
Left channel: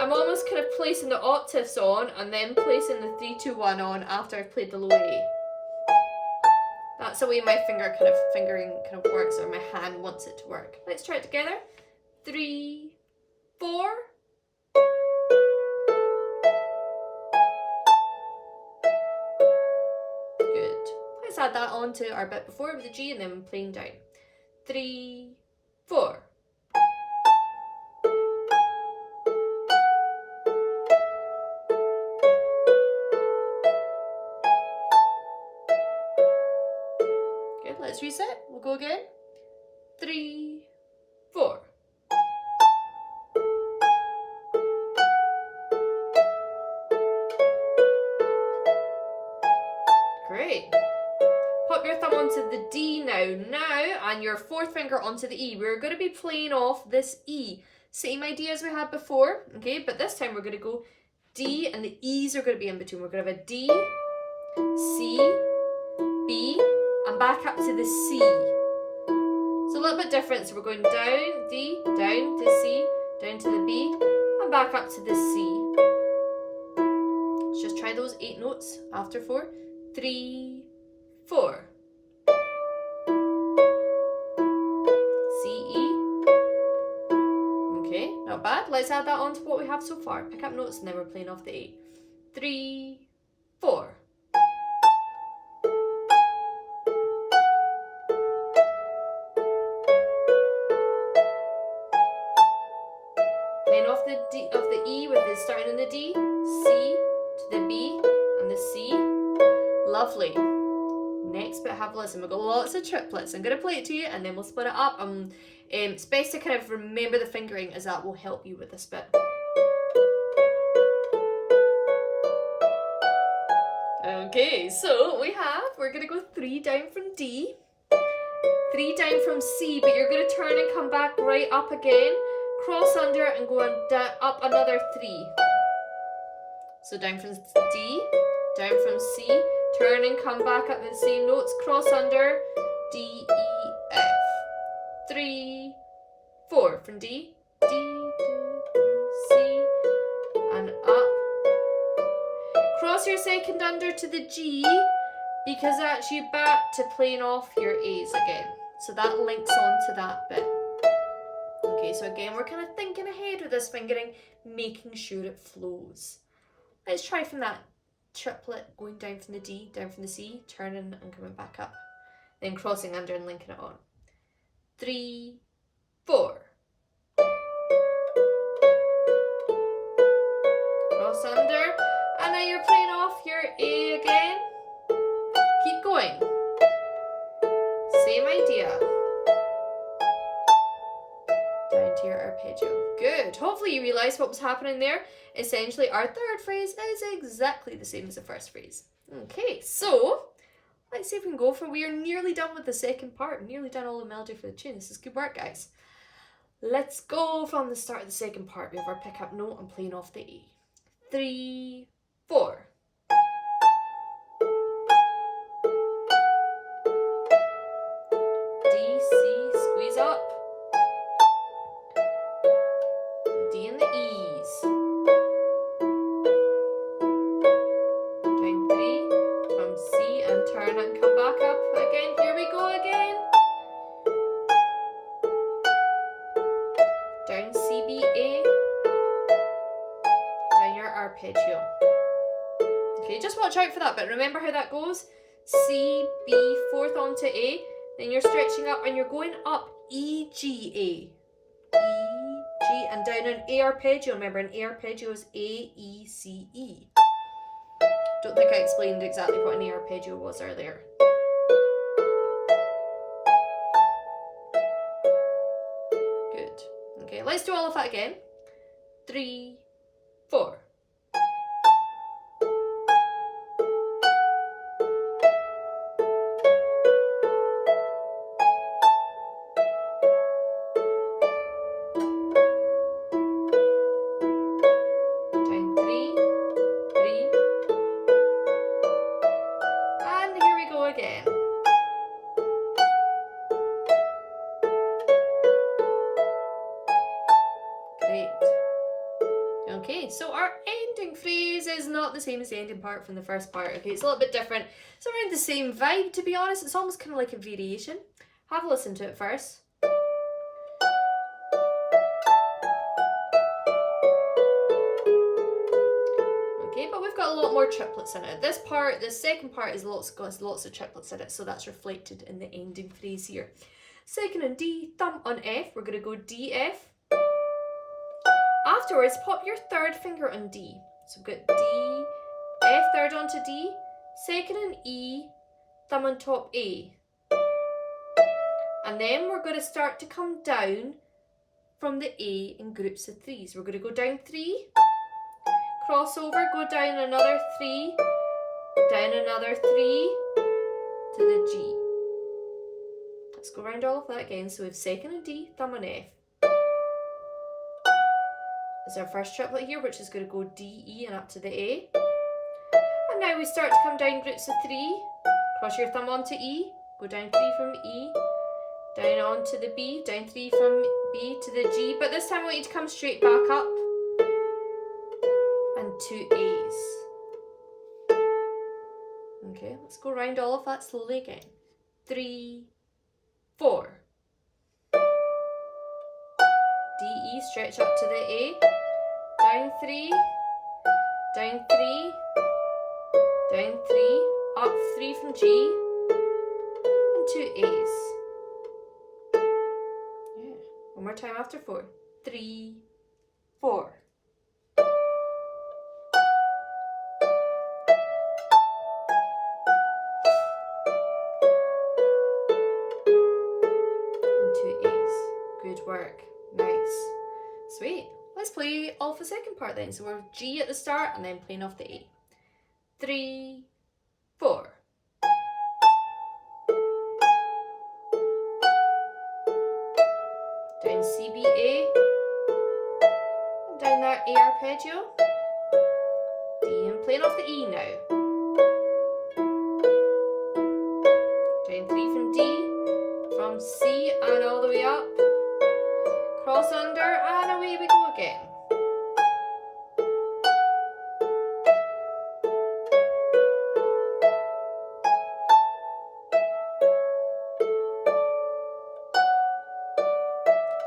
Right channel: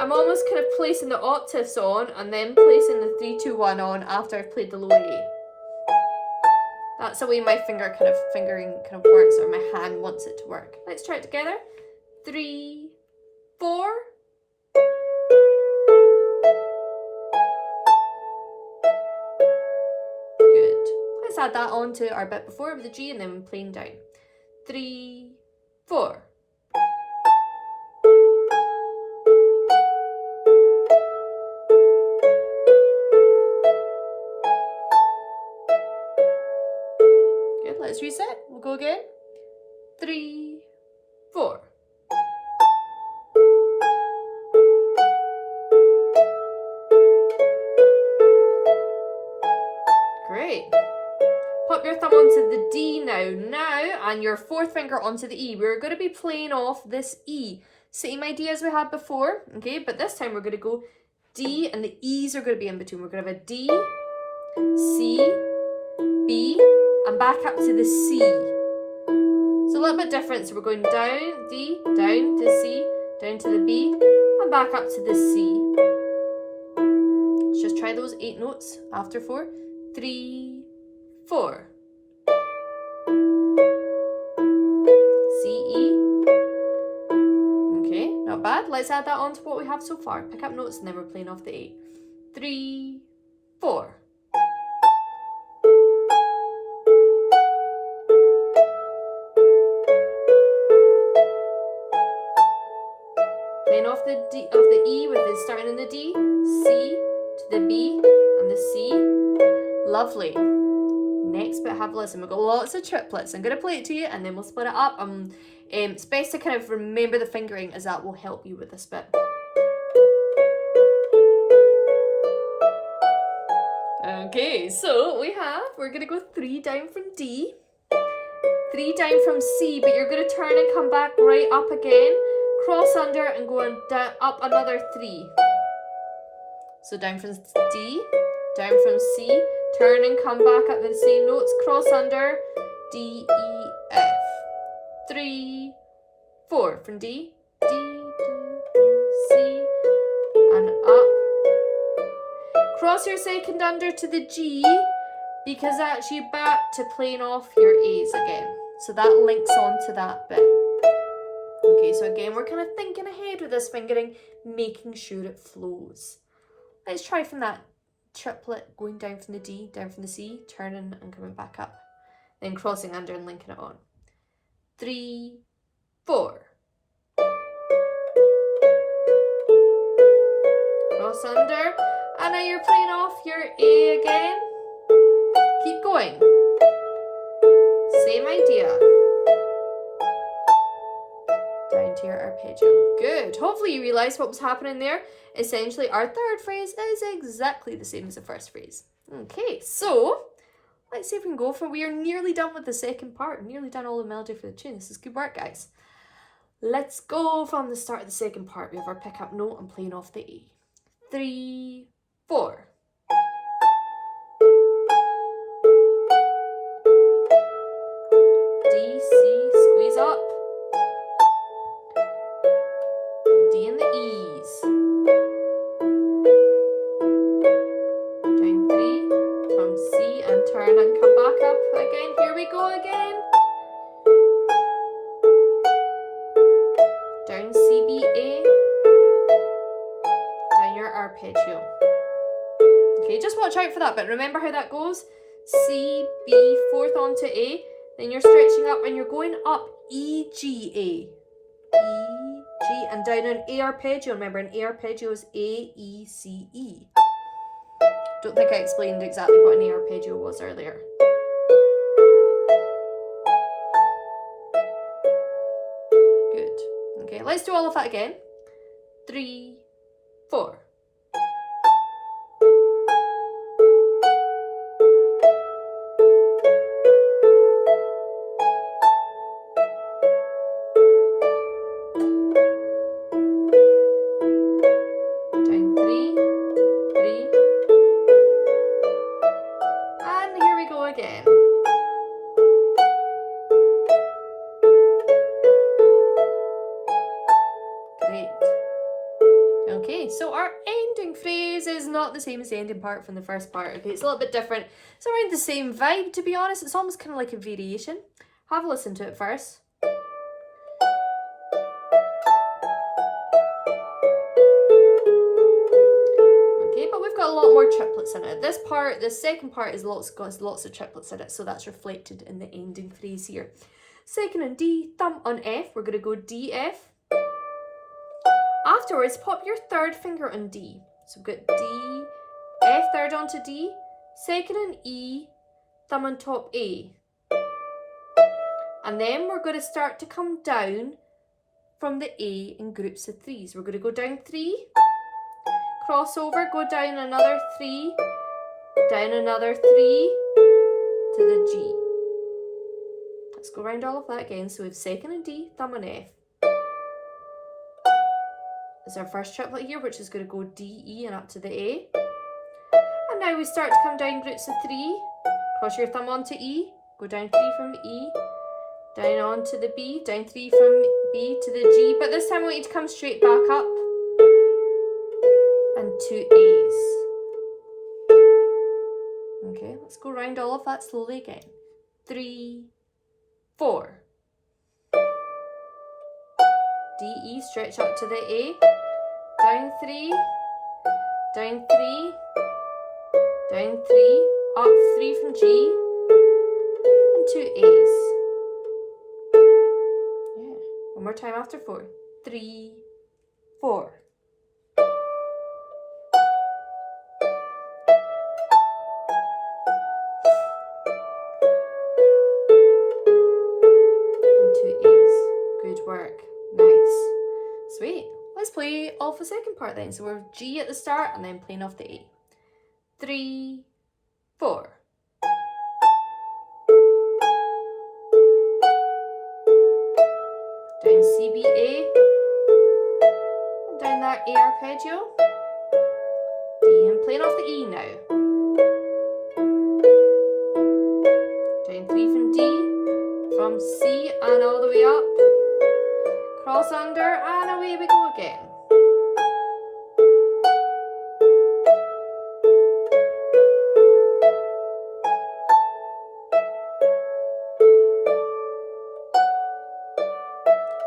I'm almost kind of placing the octaves on and then placing the 3, 2, 1 on after I've played the low A. That's the way my fingering kind of works, or my hand wants it to work. Let's try it together. 3, 4. Good. Let's add that on to our bit before with the G and then playing down. 3, 4. Let's reset. We'll go again. 3, 4. Great. Pop your thumb onto the D now, and your fourth finger onto the E. We're going to be playing off this E. Same idea as we had before, okay? But this time we're going to go D, and the E's are going to be in between. We're going to have a D, C, B, and back up to the C. So a little bit different. So we're going down, D, down to C, down to the B, and back up to the C. Let's just try those 8 notes after 4. 3, 4. C, E. Okay. let's add that on to what we have so far. Pick up notes and then we're playing off the A. 3, 4. Playing off the D of the E with the starting in the D, C to the B and the C. Lovely. Next bit, have a listen. We've got lots of triplets. I'm going to play it to you and then we'll split it up. It's best to kind of remember the fingering, as that will help you with this bit. Okay, so we're going to go 3 down from D, 3 down from C, but you're going to turn and come back right up again, cross under and go down, up another 3. So down from D, down from C, turn and come back up the same notes, cross under, D, E, F. 3, 4 from D, D, D, C, and up. Cross your second under to the G, because that's you back to playing off your A's again. So that links on to that bit. Okay, so again, we're kind of thinking ahead with this fingering, making sure it flows. Let's try from that triplet, going down from the D, down from the C, turning and coming back up. Then crossing under and linking it on. 3, 4. Cross under, and now you're playing off your A again. Keep going. Same idea. Down to your arpeggio. Good. Hopefully you realise what was happening there. Essentially, our third phrase is exactly the same as the first phrase. Okay, so let's see if we can go for it. We are nearly done with the second part. Nearly done all the melody for the tune. This is good work, guys. Let's go from the start of the second part. We have our pick-up note and playing off the A. 3, 4. D, C, squeeze up. D and the E's. Down 3 from C and turn and come back up again. Here we go again. Down C, B, A. Down your arpeggio. Okay, just watch out for that bit. Remember how that goes? C, B, 4th onto A. Then you're stretching up and you're going up E, G, A. E, G, and down an A arpeggio. Remember, an A arpeggio is A, E, C, E. Don't think I explained exactly what an A arpeggio was earlier. Good. Okay, let's do all of that again. 3, 4. The same as the ending part from the first part. Okay, it's a little bit different. It's around the same vibe, to be honest. It's almost kind of like a variation. Have a listen to it first. Okay, but we've got a lot more triplets in it. This second part is got lots of triplets in it, so that's reflected in the ending phrase here. Second on D, thumb on F. We're going to go D, F. Afterwards, pop your third finger on D. So we've got D, F, third onto D, second on E, thumb on top A. And then we're going to start to come down from the A in groups of 3s. We're going to go down 3, cross over, go down another 3, down another 3 to the G. Let's go around all of that again. So we have second on D, thumb on F. Is our first triplet here, which is going to go D, E and up to the A. And now we start to come down groups of 3. Cross your thumb onto E, go down 3 from E, down onto the B, down 3 from B to the G. But this time I want you to come straight back up and 2 A's. Okay, let's go around all of that slowly again. 3, 4. D, E, stretch up to the A, down 3, down 3, down 3, up 3 from G, and 2 A's. Yeah, one more time after 4. 3, 4. And 2 A's. Good work. Nice. Sweet. Let's play off the second part then. So we're G at the start and then playing off the A. 3, 4. Down C, B, A. And down that A arpeggio. D, and playing off the E now. Down 3 from D, from C and all the way up. Cross under and away we go again.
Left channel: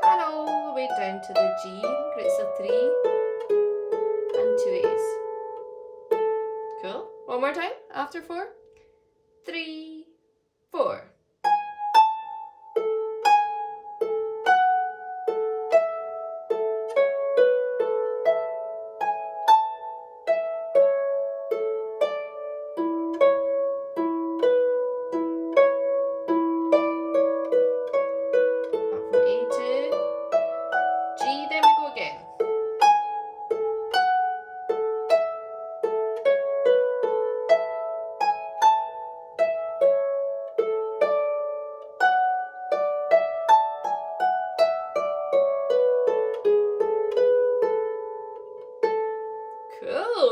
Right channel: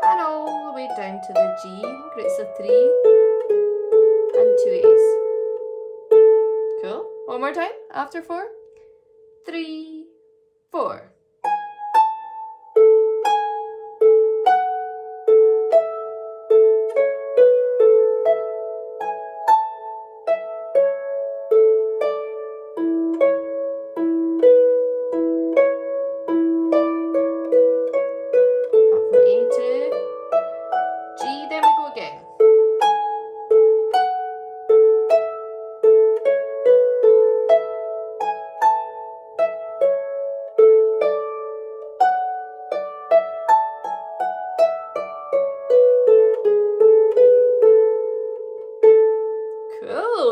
And all the way down to the G, groups of 3 and 2 A's. Cool. One more time after 4. 3, 4.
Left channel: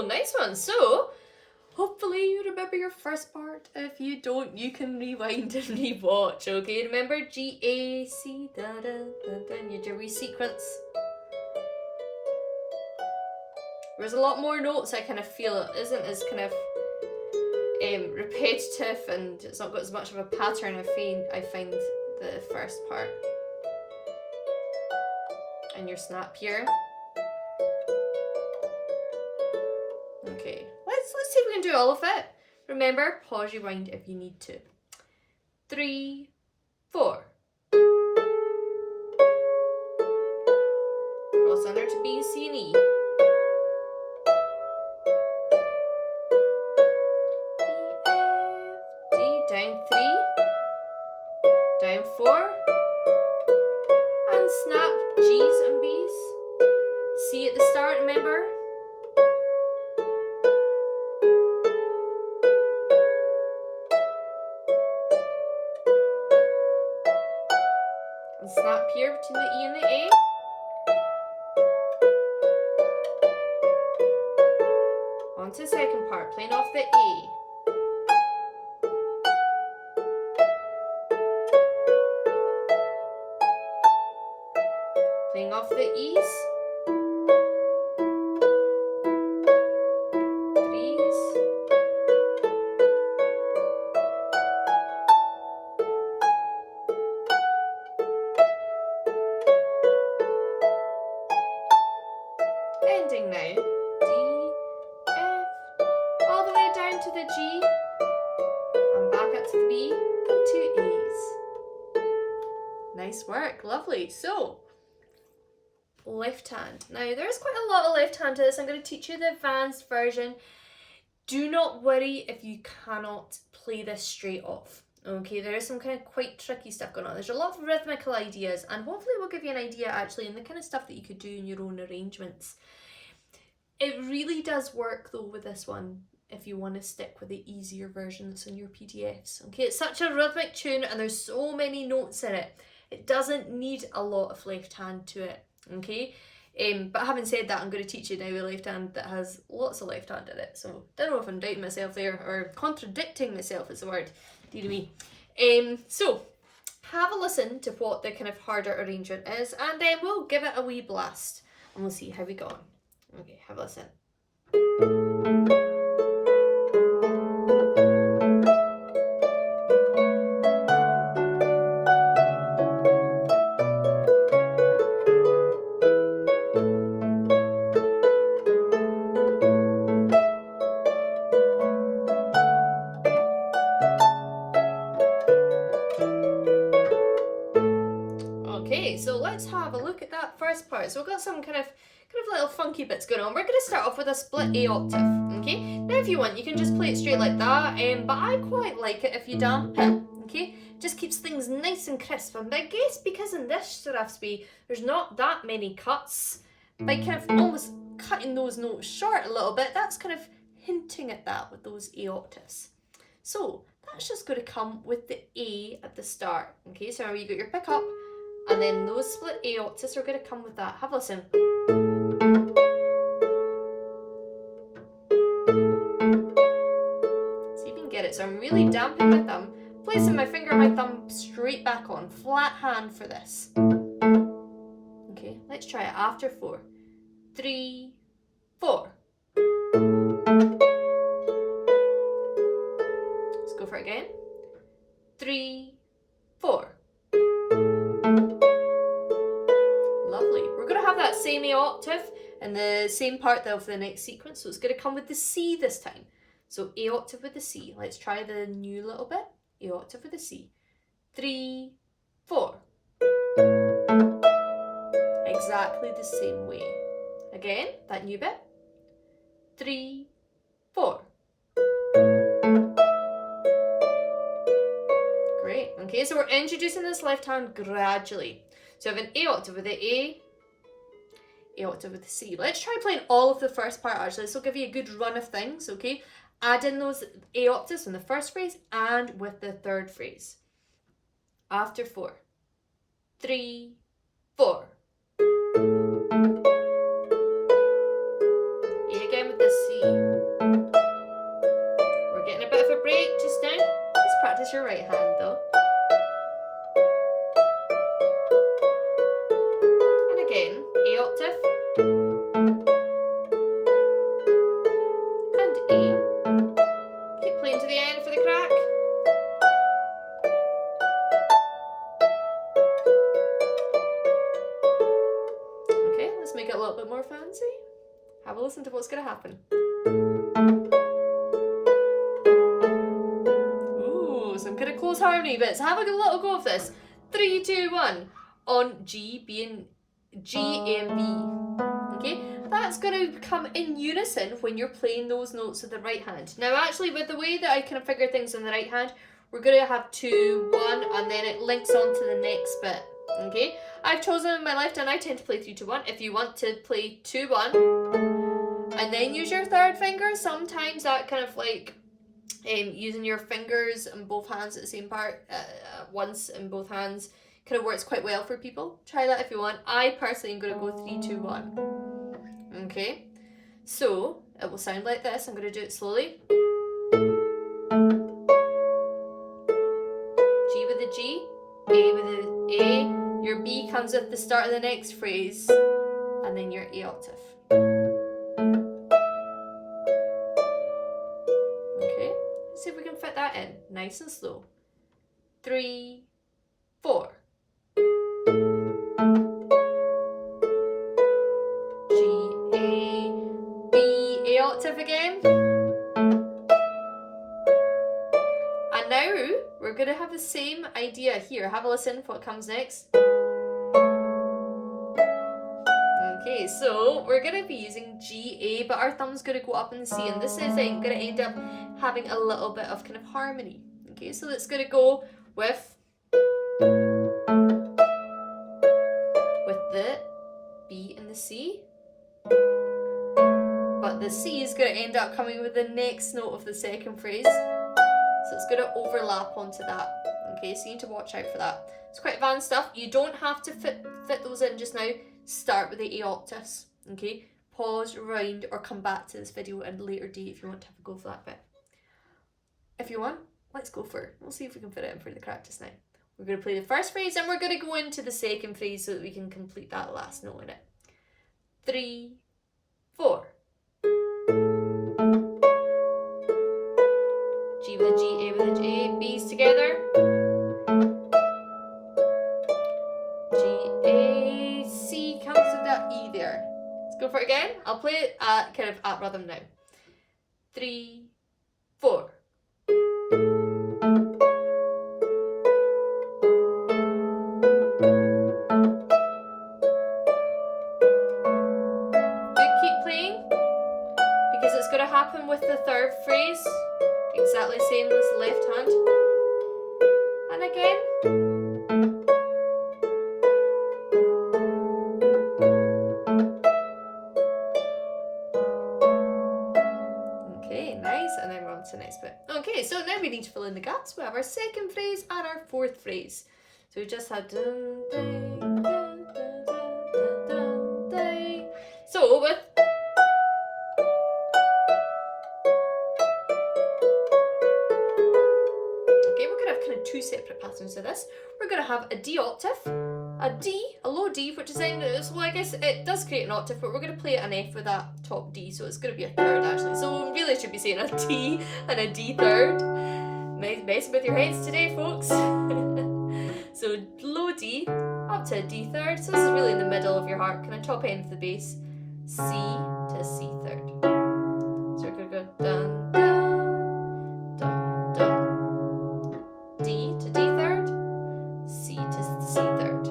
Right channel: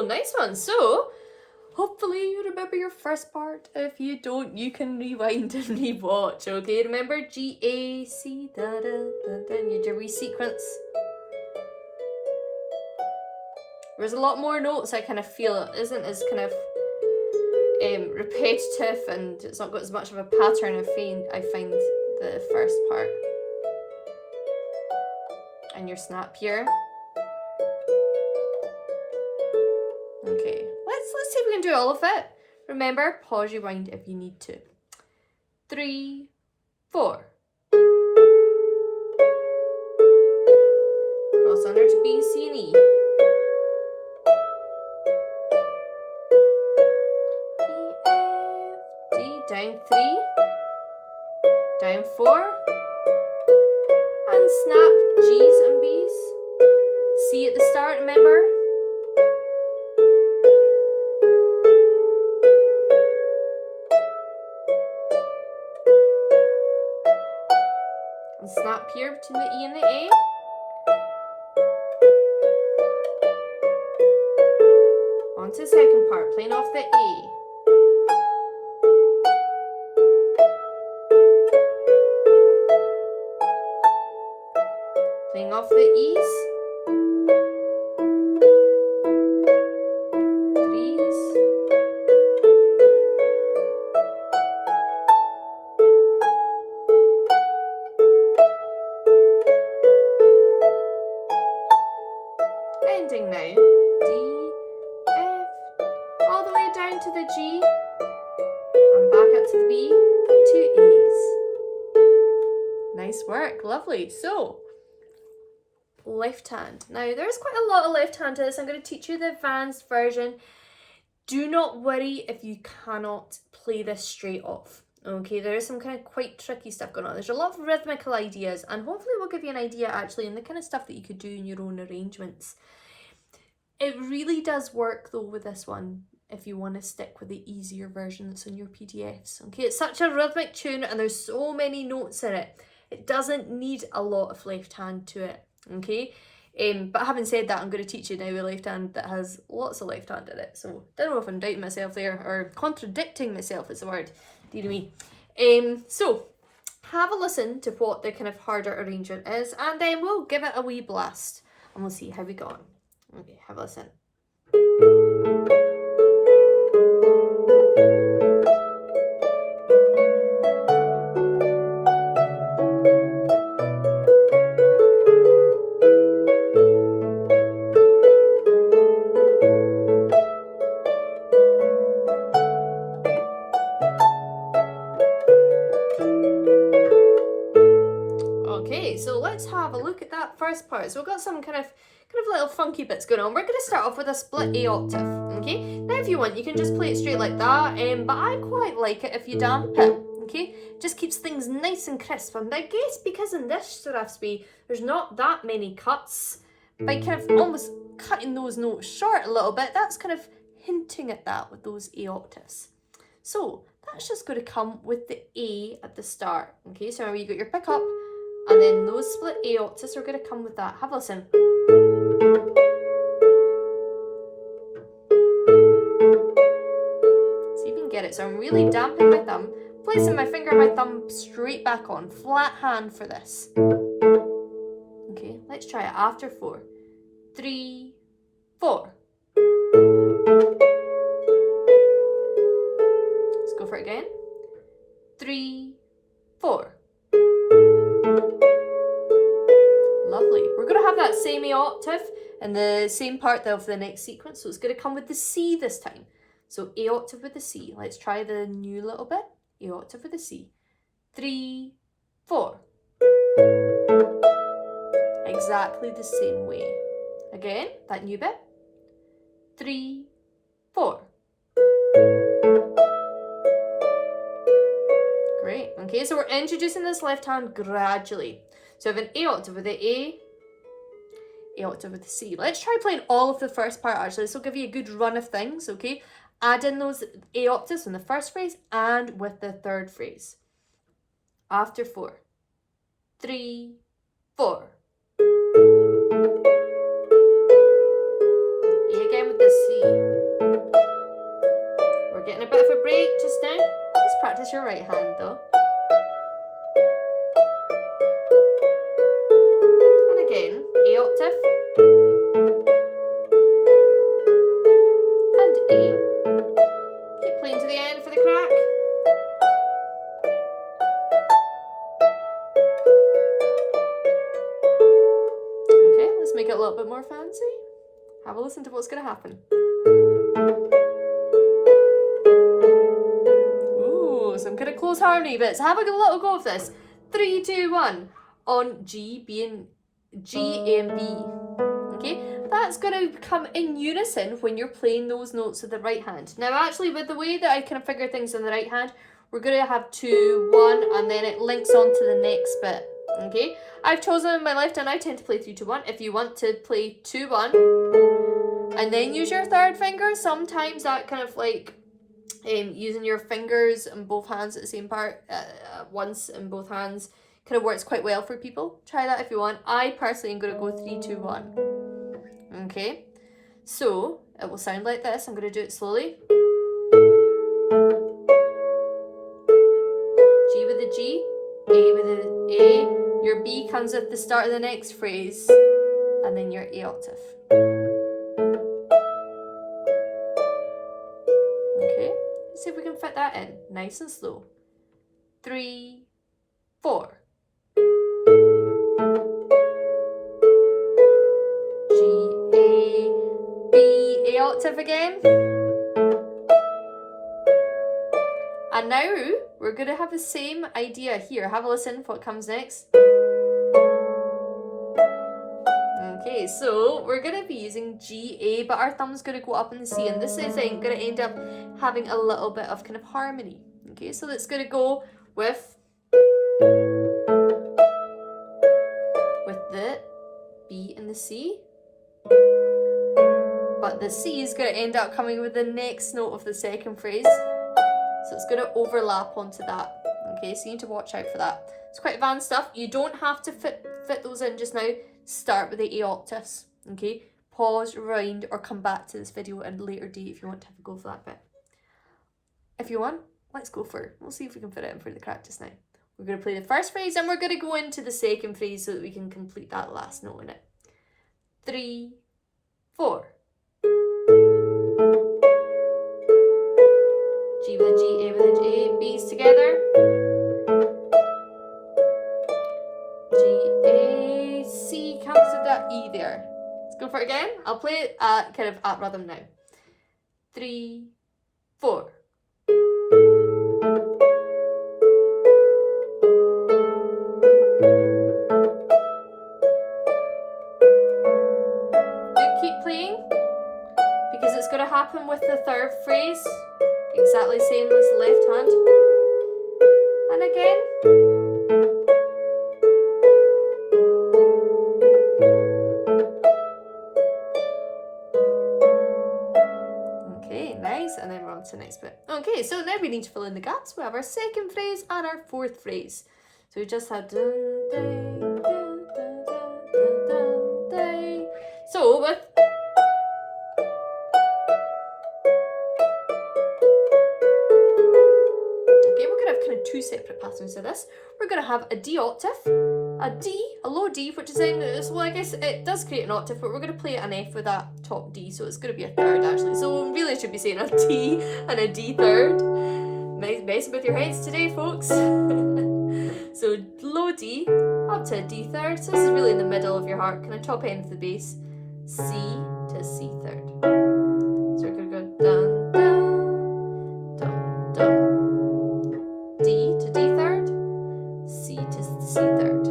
Nice one. So, hopefully you remember your first part. If you don't, you can rewind and re-watch, okay? Remember G, A, C, da, da, da, da, and you do a sequence. There's a lot more notes, I kind of feel. It isn't as kind of repetitive, and it's not got as much of a pattern I find the first part. And your snap here. Okay, let's see if we can do all of it. Remember, pause, rewind if you need to. 3, 4. Cross under to B, C, and E. E, F, G, down 3, down 4, and snap G's and B's. C at the start, remember? And snap here between the E and the A. On to the second part, playing off the A. Playing off the E's. 3's. Ending now. D, F, all the way down to the G, and back up to the B, and 2 A's. Nice work, lovely. So, left hand. Now, there's quite a lot of left hand to this. I'm going to teach you the advanced version. Do not worry if you cannot play this straight off. Okay, there is some kind of quite tricky stuff going on. There's a lot of rhythmical ideas, and hopefully we'll give you an idea actually on the kind of stuff that you could do in your own arrangements. It really does work though with this one if you want to stick with the easier version that's in your PDFs. Okay, it's such a rhythmic tune and there's so many notes in it. It doesn't need a lot of left hand to it. Okay, but having said that, I'm going to teach you now a left hand that has lots of left hand in it. So don't know if I'm doubting myself there or contradicting myself is the word. Dear me. So have a listen to what the kind of harder arrangement is, and then we'll give it a wee blast and we'll see how we go on. Okay, have a listen. first part. So we've got some kind of little funky bits going on. We're going to start off with a split A octave, okay? Now if you want, you can just play it straight like that, but I quite like it if you damp it, okay? Just keeps things nice and crisp. And I guess because in this strathspey, there's not that many cuts, by kind of almost cutting those notes short a little bit, that's kind of hinting at that with those A octaves. So that's just going to come with the A at the start, okay? So remember, you got your pick up, and then those split A octaves are going to come with that. Have a listen. See if you can get it. So I'm really damping my thumb, placing my finger and my thumb straight back on, flat hand for this. Okay, let's try it after 4. 3, 4. Let's go for it again. 3, 4. Lovely. We're going to have that same A octave in the same part of the next sequence, so it's going to come with the C this time. So A octave with the C. Let's try the new little bit. A octave with the C. 3, 4. Exactly the same way. Again, that new bit. 3, 4. Great. Okay, so we're introducing this left hand gradually. So we have an A octave with the A octave with the C. Let's try playing all of the first part actually. This will give you a good run of things, okay? Add in those A octaves in the first phrase and with the third phrase. After 4. 3, 4. A again with the C. We're getting a bit of a break just now. Just practice your right hand though. And again, A octave. And A. Keep playing to the end for the crack. Okay, let's make it a little bit more fancy. Have a listen to what's going to happen. Ooh, some kind of close harmony bits. Have a little go of this. 3, 2, 1. On G, B, and G, A, and B. Okay, that's going to come in unison when you're playing those notes with the right hand. Now, actually, with the way that I kind of figure things on the right hand, we're going to have 2, 1, and then it links on to the next bit. Okay, I've chosen my left hand. I tend to play 3, 2, 1. If you want to play 2, 1, and then use your third finger, sometimes that kind of like using your fingers in both hands at the same part at once in both hands kind of works quite well for people. Try that if you want. I personally am going to go 3, 2, 1. Okay, so it will sound like this. I'm going to do it slowly. G with the G, A with the A. Your B comes at the start of the next phrase, and then your A octave. Okay, let's see if we can fit that in nice and slow. 3, 4. G, A, B, A octave again. And now we're going to have the same idea here. Have a listen for what comes next. Okay, so we're going to be using G, A, but our thumb's going to go up in the C, and this is going to end up having a little bit of kind of harmony. Okay, so it's going to go with the B and the C, but the C is going to end up coming with the next note of the second phrase. So it's going to overlap onto that. Okay, so you need to watch out for that. It's quite advanced stuff. You don't have to fit those in just now. Start with the A octaves. Okay, pause, rewind, or come back to this video at a later date if you want to have a go for that bit. If you want, let's go for it. We'll see if we can fit it in for the crack just now. We're going to play the first phrase and we're going to go into the second phrase so that we can complete that last note in it. 3, 4. G with a G, A with a G, B's together. G, A, C comes with that E there. Let's go for it again. I'll play it kind of at rhythm now. 3, 4. because it's going to happen with the third phrase, exactly the same as the left hand. And again. Okay, nice, and then we're on to the next bit. Okay, so now we need to fill in the gaps. We have our second phrase and our fourth phrase. So we just had dun, dun, dun, dun, dun, dun, dun. So with two separate patterns of this. We're going to have a D octave, a D, a low D, which is in, so I guess it does create an octave, but we're going to play an F with that top D, so it's going to be a third actually. So really I should be saying a D and a D third. Nice messing with your heads today, folks. So low D up to a D third, so this is really in the middle of your harp, kind of top end of the bass, C to C third. So we're going to go dun, dun, dun, dun. D to D third, C to C third.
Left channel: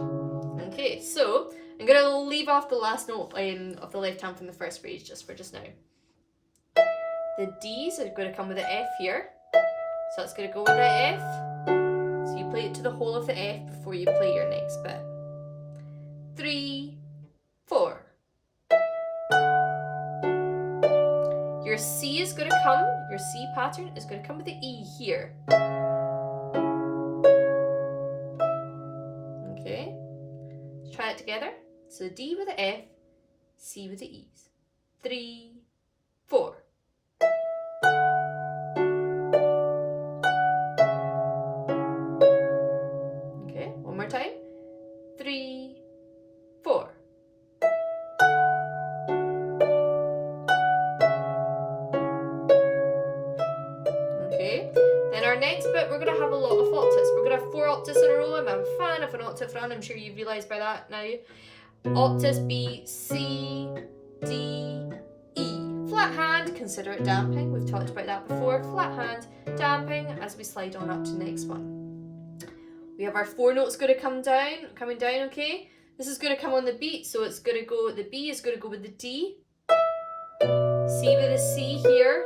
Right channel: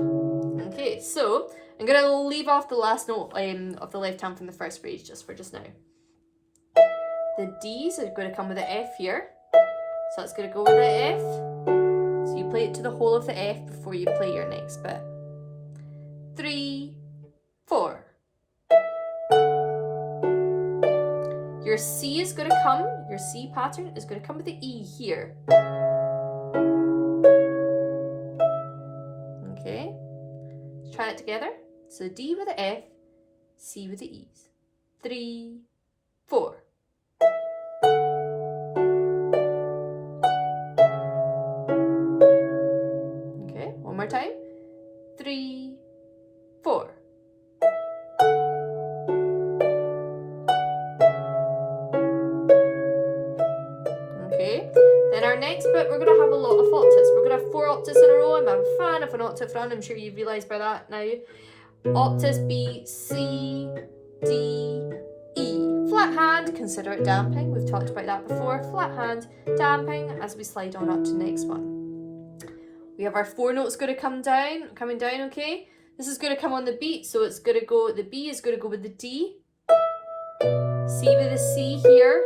Okay, so I'm going to leave off the last note of the left hand from the first phrase just for just now. The D's are going to come with the F here, so it's going to go with the F. So you play it to the whole of the F before you play your next bit. 3, 4. Your C is going to come, your C pattern is going to come with the E here. Okay, let's try it together. So D with the F, C with the E's. 3, 4. Okay, one more time. 3, 4. Okay, then our next bit we're going to have a lot of octaves. We're going to have 4 octaves in a row. I'm a fan of an octave run, I'm sure you've realised by that now. Octaves B, C, D, E. Flat hand, consider it damping. We've talked about that before. Flat hand, damping as we slide on up to the next one. We have our 4 notes going to coming down, okay? This is going to come on the beat, so it's going to go, the B is going to go with the D, C with the C here,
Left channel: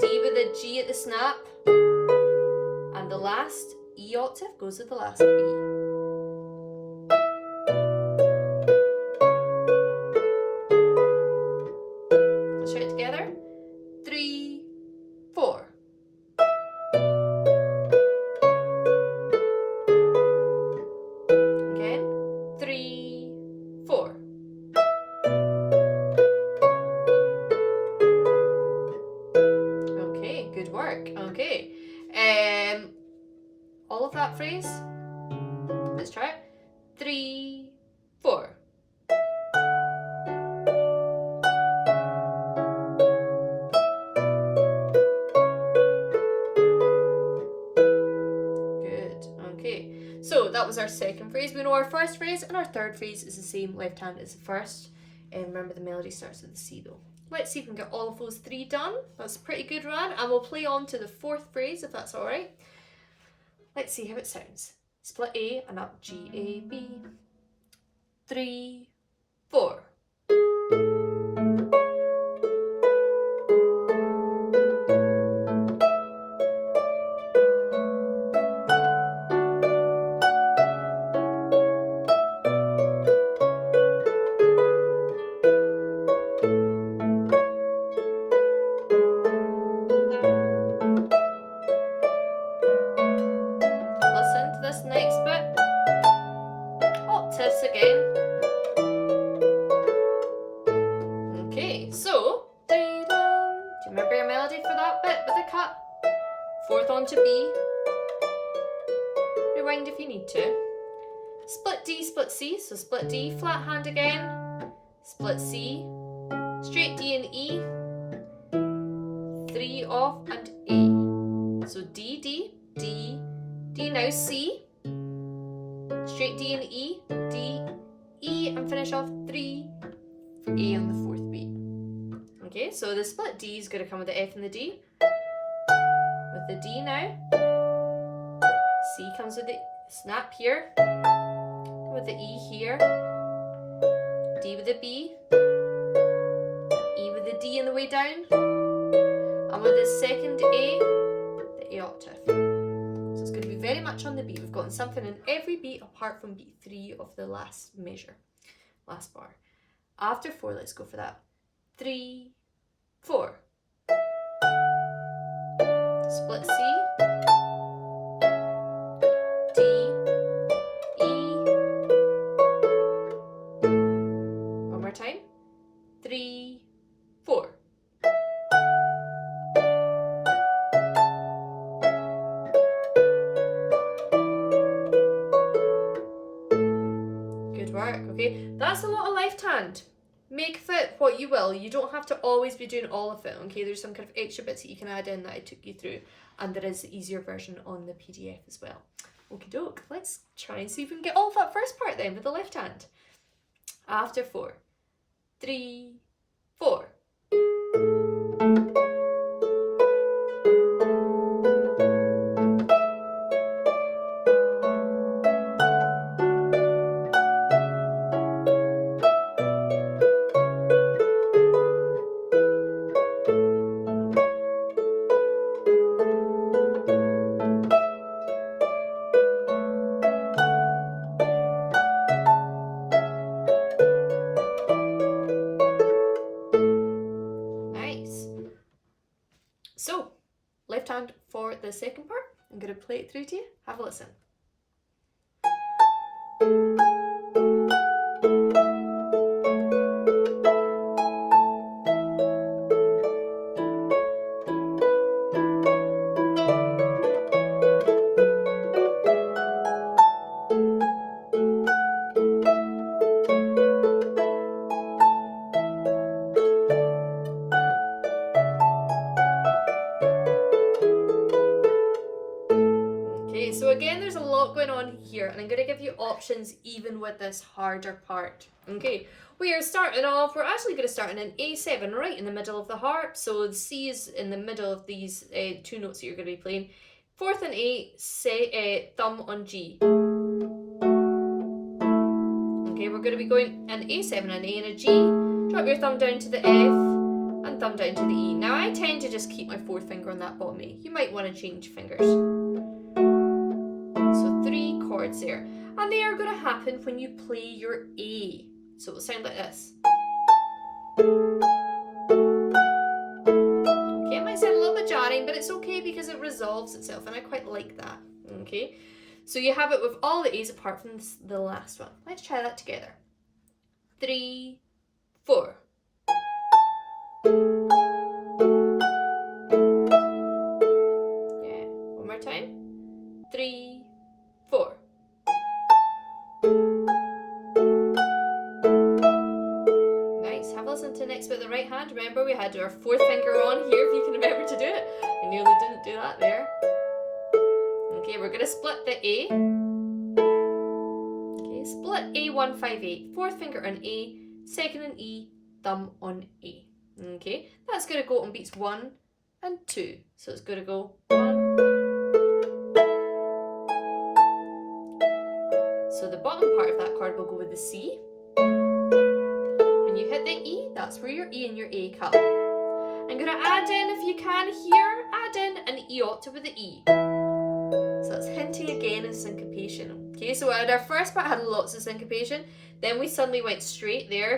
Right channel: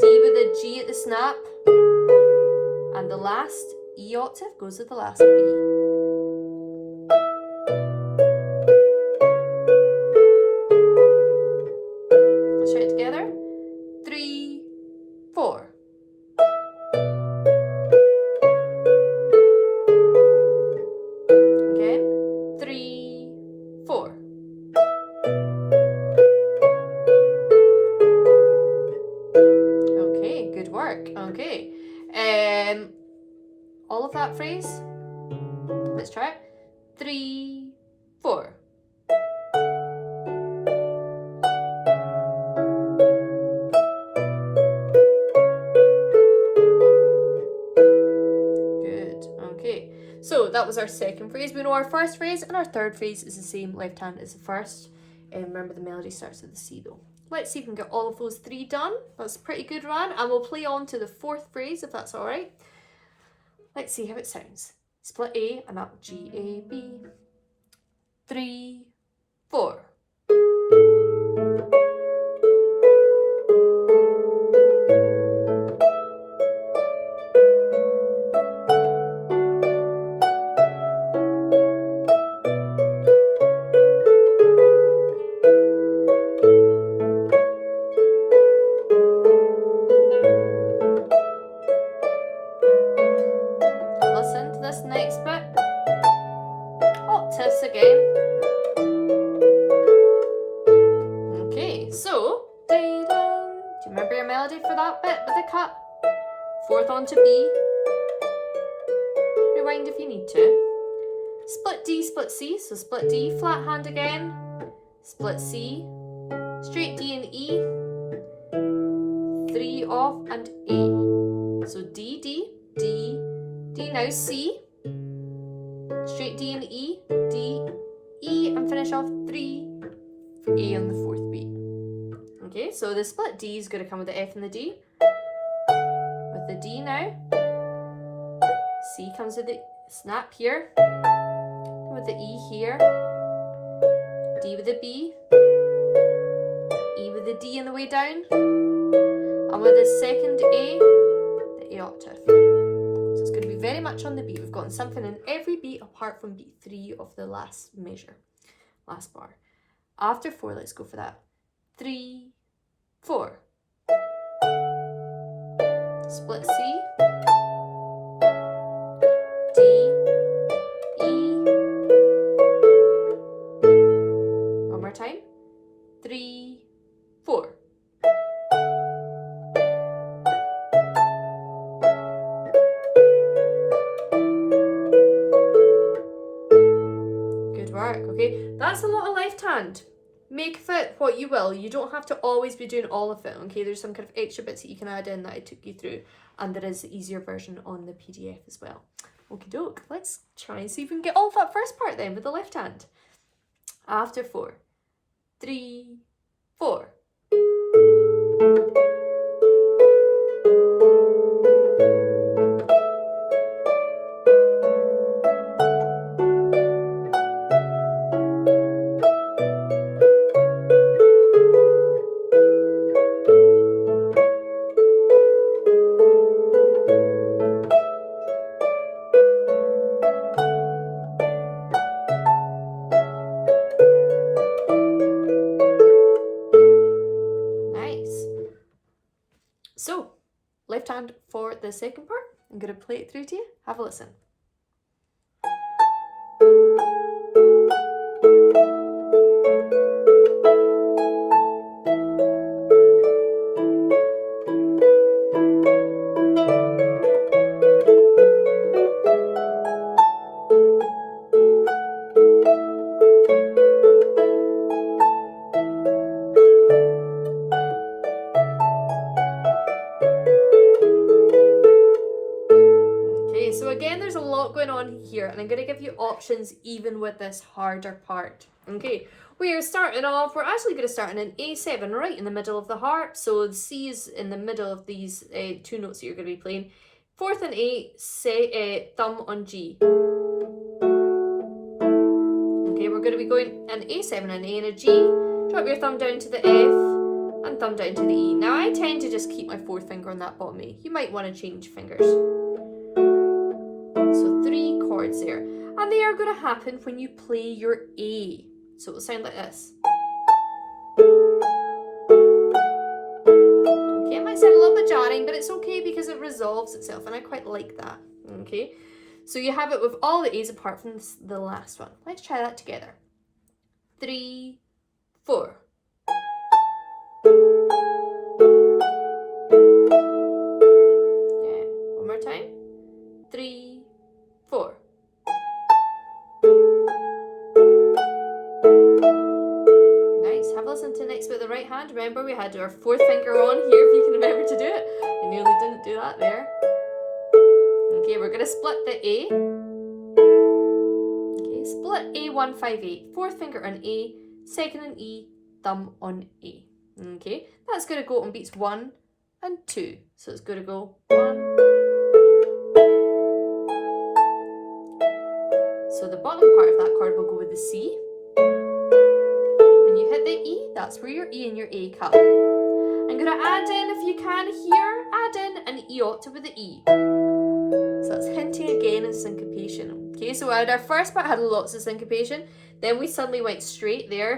D with the G at the snap, and the last E octave goes with the last B. Let's try it together. 3, 4. Again. 3, 4. Okay, good work. Okay. All of that phrase. Let's try it. 3, 4. Good. Okay. So that was our second phrase. We know our first phrase, and our third phrase is the same left hand as the first. And remember, the melody starts with the C though. Let's see if we can get all of those 3 done. That's pretty good, Ron. And we'll play on to the 4th phrase if that's all right. Let's see how it sounds. Split A and up G, A, B. 3, 4. Listen to this next bit. Octaves again. Okay, so do you remember your melody for that bit with the cut? 4th on to B. Rewind if you need to. Split D, split C, so split D, flat hand again. Split C, straight D and E. 3 off and A. So D, D, D, D, now C. Straight D and E, D, E, and finish off 3 for A on the 4th beat. Okay, so the split D is going to come with the F and the D. With the D now. C comes with the snap here. With the E here. D with the B. E with the D on the way down. And with the second A, the A octave. So it's going to be very much on the beat. We've gotten something in every beat apart from beat 3 of the last measure, last bar. After 4, let's go for that. 3, 4. Split C, D, E. One more time. 3, 4. Good work, okay? That's a lot of left hand. Make of it what you will. You don't have to always be doing all of it, okay? There's some kind of extra bits that you can add in that I took you through, and there is the easier version on the PDF as well. Okie doke, let's try and see if we can get all of that first part then with the left hand. After 4, 3, 4. So, left hand for the second part. I'm going to play it through to you. Have a listen. So again, there's a lot going on here, and I'm going to give you options even with this harder part. Okay, we are starting off, we're actually going to start in an A7 right in the middle of the harp. So the C is in the middle of these two notes that you're going to be playing. 4th and 8, thumb on G. Okay, we're going to be going an A7, an A and a G. Drop your thumb down to the F and thumb down to the E. Now I tend to just keep my 4th finger on that bottom A. You might want to change fingers. So 3 chords there, and they are going to happen when you play your A. So it will sound like this. Okay, it might sound a little bit jarring, but it's okay because it resolves itself, and I quite like that. Okay, so you have it with all the A's apart from the last one. Let's try that together. 3, 4. Yeah, one more time. 3, 4. Nice. Have a listen to next with the right hand. Remember, we had our 4th finger on here, if you can remember to do it. I nearly didn't do that there. Okay, we're going to split the A. Okay, split A158. 4th finger on A, 2nd on E, thumb on A. Okay, that's going to go on beats 1 and 2. So it's going to go 1. So the bottom part of that chord will go with the C. When you hit the E, that's where your E and your A come. I'm going to add in, if you can here, add in an E octave with the E. So that's hinting again of syncopation. Okay, so our first part had lots of syncopation. Then we suddenly went straight there.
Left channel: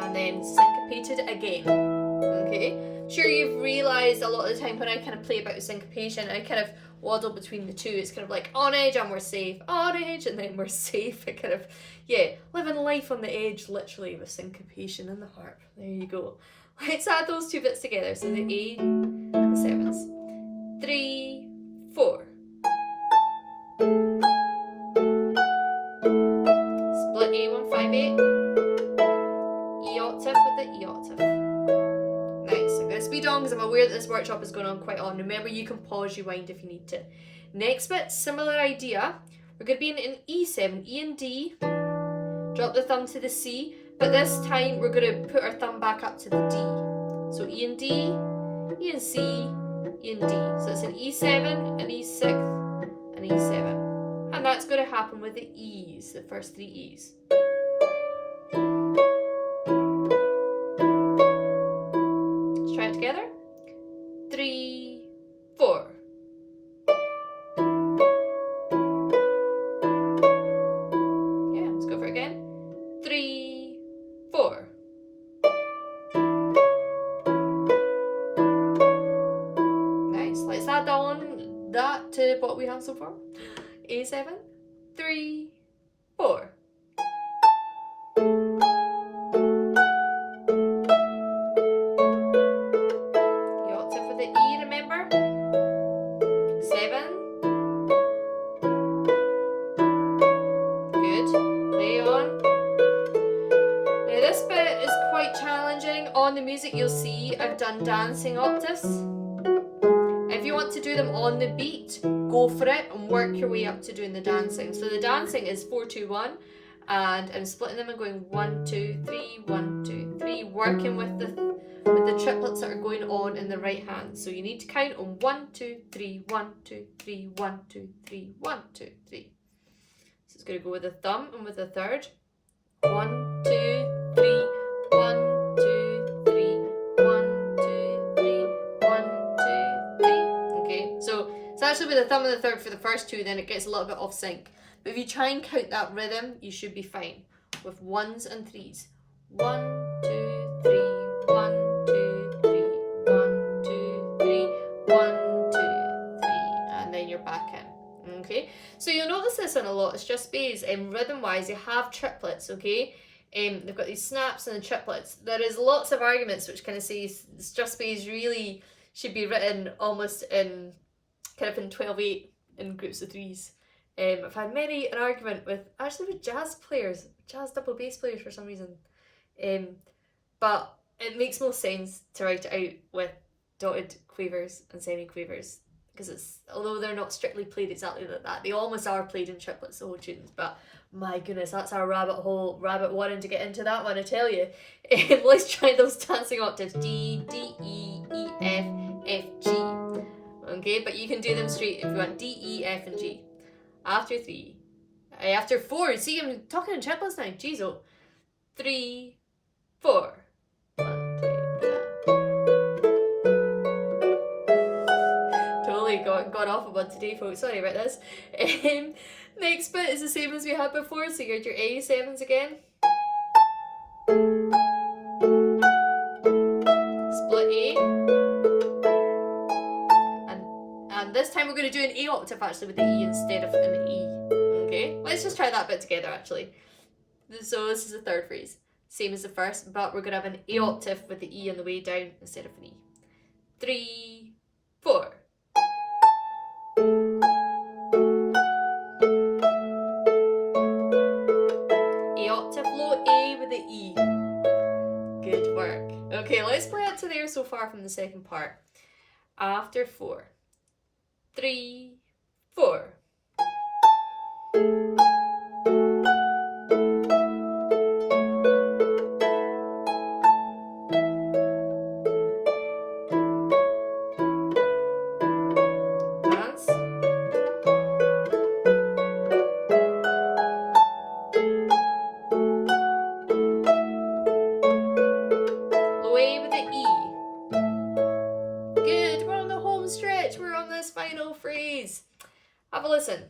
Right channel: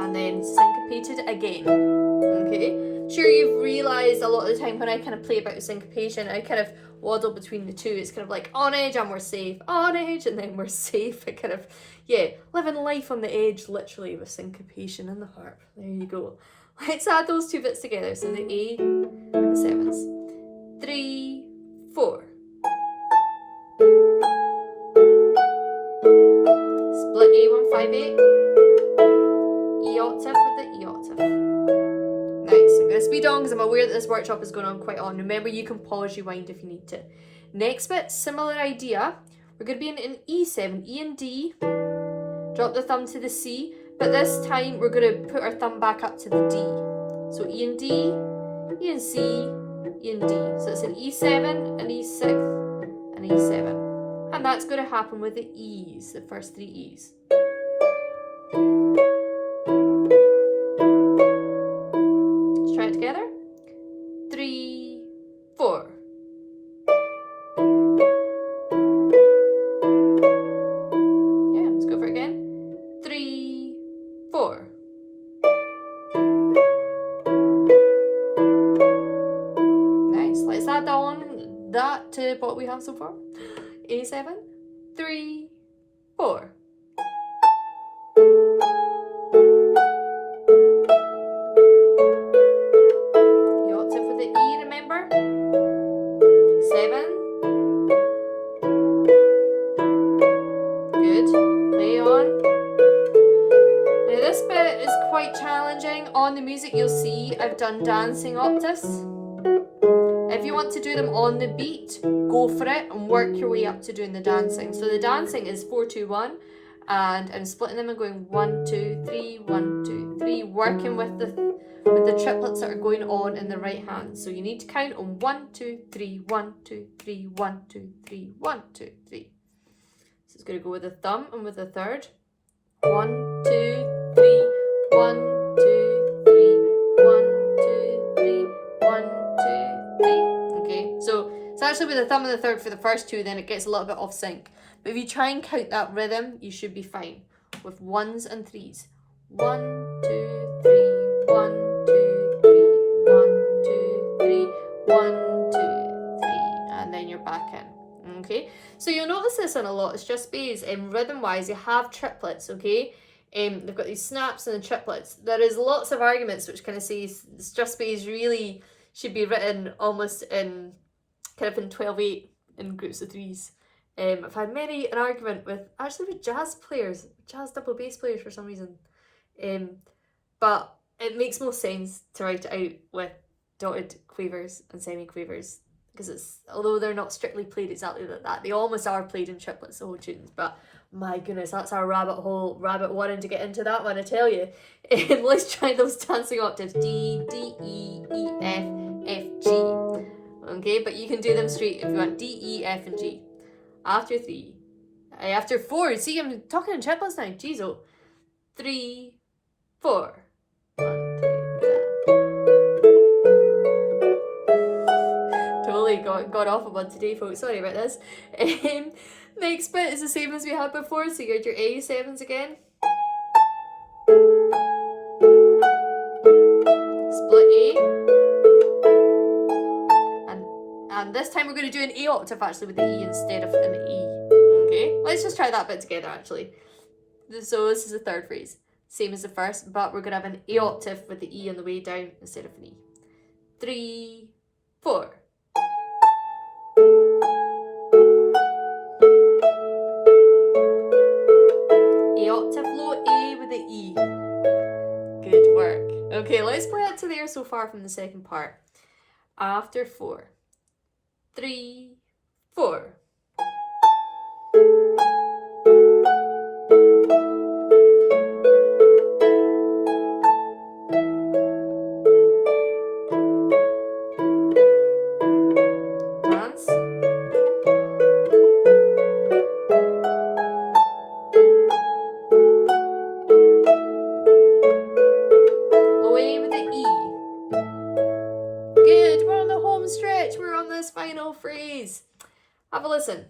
And then syncopated again. Okay, sure you've realised a lot of the time when I kind of play about syncopation, I kind of waddle between the two. It's kind of like on edge and we're safe, on edge and then we're safe. It kind of, yeah, living life on the edge literally with syncopation in the harp. There you go. Let's add those two bits together. So the A and the 7s. 3, 4. Split A158. E octave with the E octave. Nice. I'm going to speed on because I'm aware that this workshop is going on quite on. Remember, you can pause, rewind if you need to. Next bit, similar idea. We're going to be in an E7, E and D. Drop the thumb to the C, but this time we're going to put our thumb back up to the D. So E and D, E and C, E and D. So it's an E7, an E6, an E7. And that's going to happen with the E's, the first 3 E's. with what we have so far. A7, 3, 4. The octave with the E, remember? 7. Good. Play on. Now this bit is quite challenging. On the music you'll see I've done dancing octaves. If you want to do them on the beat, go for it and work your way up to doing the dancing. So the dancing is 4, 2, 1, and I'm splitting them and going 1, 2, 3, 1, 2, 3, working with the triplets that are going on in the right hand. So you need to count on 1, 2, 3, 1, 2, 3, 1, 2, 3, 1, 2, 3. So it's going to go with the thumb and with the third. 1, 2, 3, 1, 2, 3, 1, 2, 3, 1, 2, 3. Okay, so it's actually with the thumb and the third for the first two, then it gets a little bit off sync. But if you try and count that rhythm, you should be fine with 1s and 3s. 1, 2, 3, 1, 2, 3, 1, 2, 3, 1, 2, 3, and then you're back in. Okay, so you'll notice this on a lot of strathspeys. Rhythm wise, you have triplets. Okay, they've got these snaps and the triplets. There is lots of arguments which kind of say strathspeys really should be written almost in kind of in 12/8 in groups of threes. I've had many an argument with jazz players, jazz double bass players for some reason, but it makes most sense to write it out with dotted quavers and semi-quavers, because it's, although they're not strictly played exactly like that, they almost are played in triplets, the whole tunes. But my goodness, that's our rabbit wanting to get into that one, I tell you. Let's try those dancing octaves. D, D, E, E, F, F, G. Okay, but you can do them straight if you want. D, E, F, and G. After 3. After 4. See, I'm talking in triplets now. Jeez, oh. 3, 4. 1, 2, totally got off of one today, folks. Sorry about this. Next bit is the same as we had before. So you got your A7s again. Split A. And this time we're going to do an A octave actually with the E instead of an E. Okay, let's just try that bit together actually. So this is the third phrase. Same as the first, but we're going to have an A octave with the E on the way down instead of an E. 3, 4. A octave low, A with the E. Good work. Okay, let's play it to there so far from the second part. After 4. 3, 4. Dance. Low A with the E. Good, we're on the home stretch, we're on this final phrase. Have a listen.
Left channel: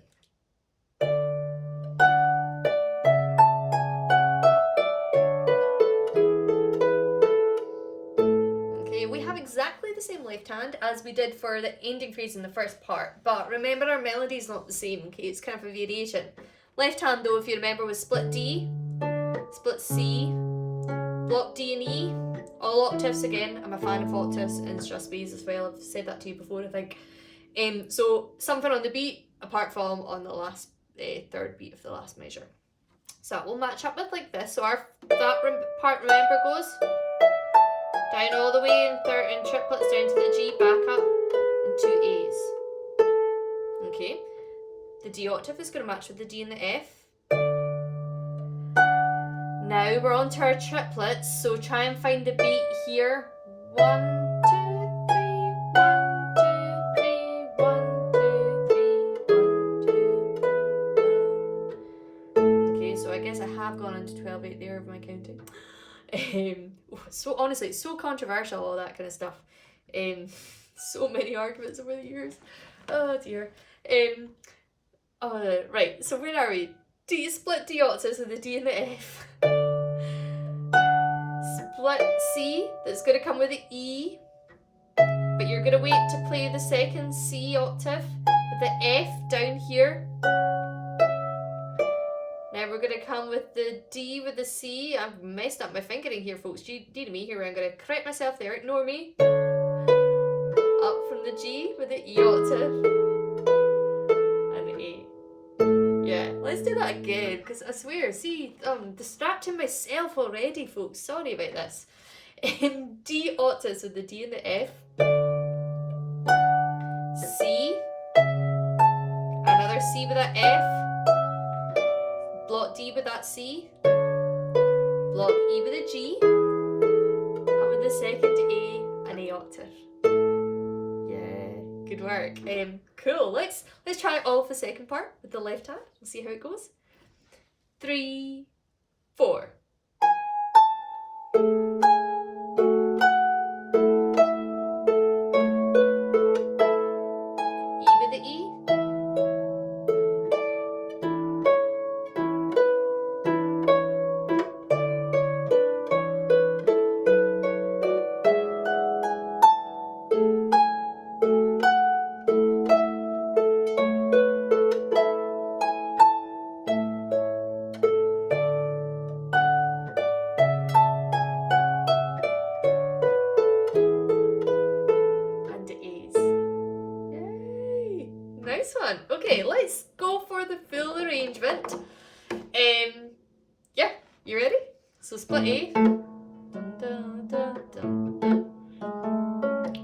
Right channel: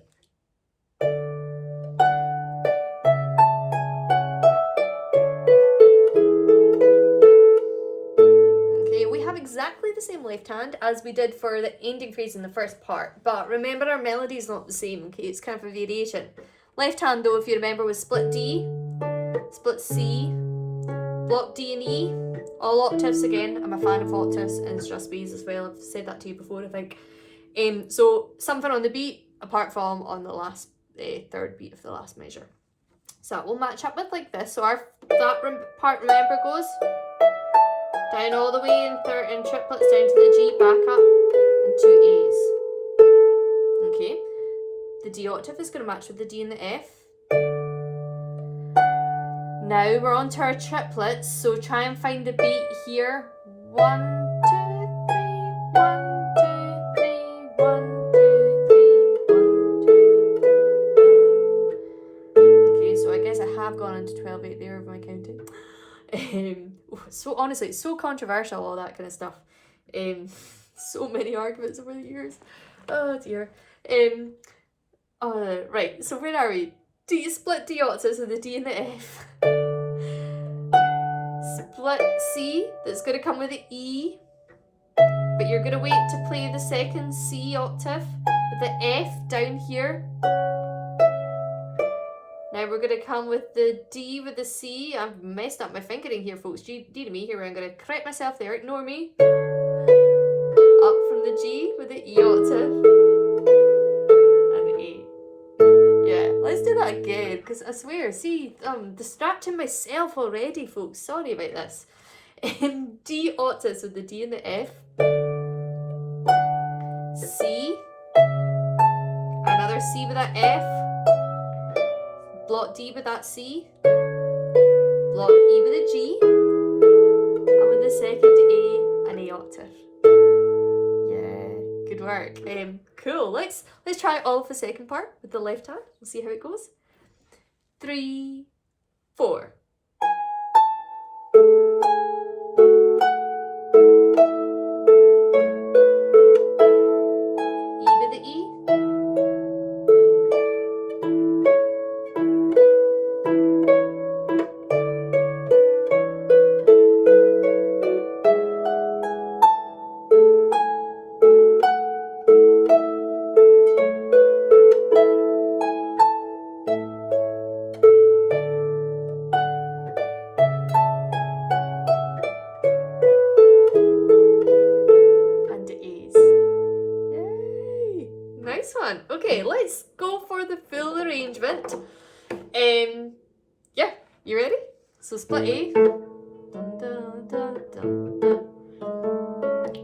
Okay, we have exactly the same left hand as we did for the ending phrase in the first part, but remember our melody is not the same, okay, it's kind of a variation. Left hand though, if you remember, was split D, split C, block D and E, all octaves again. I'm a fan of octaves and strathspeys as well, I've said that to you before I think. So something on the beat apart from on the last third beat of the last measure. So that will match up with like this. So our part, remember, goes down all the way in triplets down to the G, back up, and 2 A's. Okay, the D octave is going to match with the D and the F. Now we're on to our triplets, so try and find the beat here. 1, 2, 3, 1, 2, 3, 1, 2, 3, 1, 2, 3. Okay, so I guess I have gone into 12/8 there with my counting. So honestly, it's so controversial, all that kind of stuff. So many arguments over the years. Oh dear. Right, so where are we? D split D octaves with the D and the F. Split C, that's going to come with the E. but you're gonna wait to play the second C octave with the F down here. Now we're gonna come with the D with the C. I've messed up my fingering here, folks. D to me here. I'm gonna correct myself there. Ignore me. Up from the G with the E octave and the A. Yeah, let's do that again, because I swear, see, I'm distracting myself already, folks. Sorry about this. D octaves with the D and the F. C. Another C with that F. Block D with that C. Block E with a G. And with the second A, an A octave. Yeah, good work. Cool. Let's try it all for the second part with the left hand. We'll see how it goes. 3, 4. E with the E. Nice one. Okay, let's go for the full arrangement. Yeah, you ready? So split A. Dun, dun, dun, dun.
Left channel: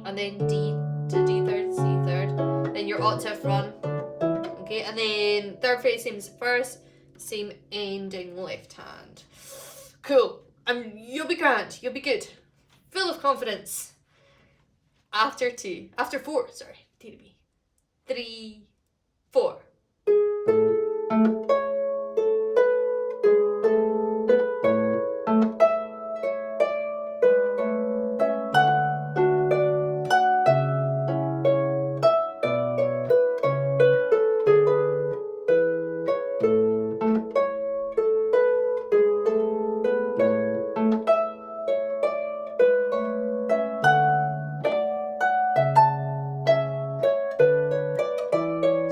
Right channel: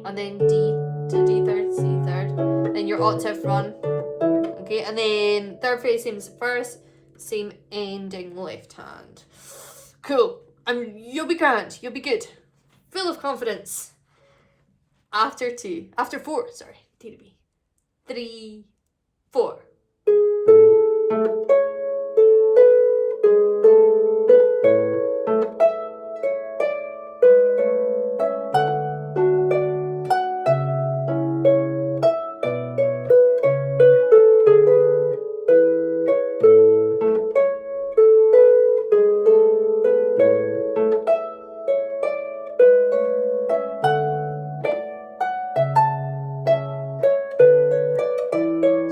And then D to D third, C third. Then your octave run. Okay, and then third phrase, same as the first, same ending left hand. Cool. You'll be grand. You'll be good. Full of confidence. After 4, sorry, D to B. 3, 4.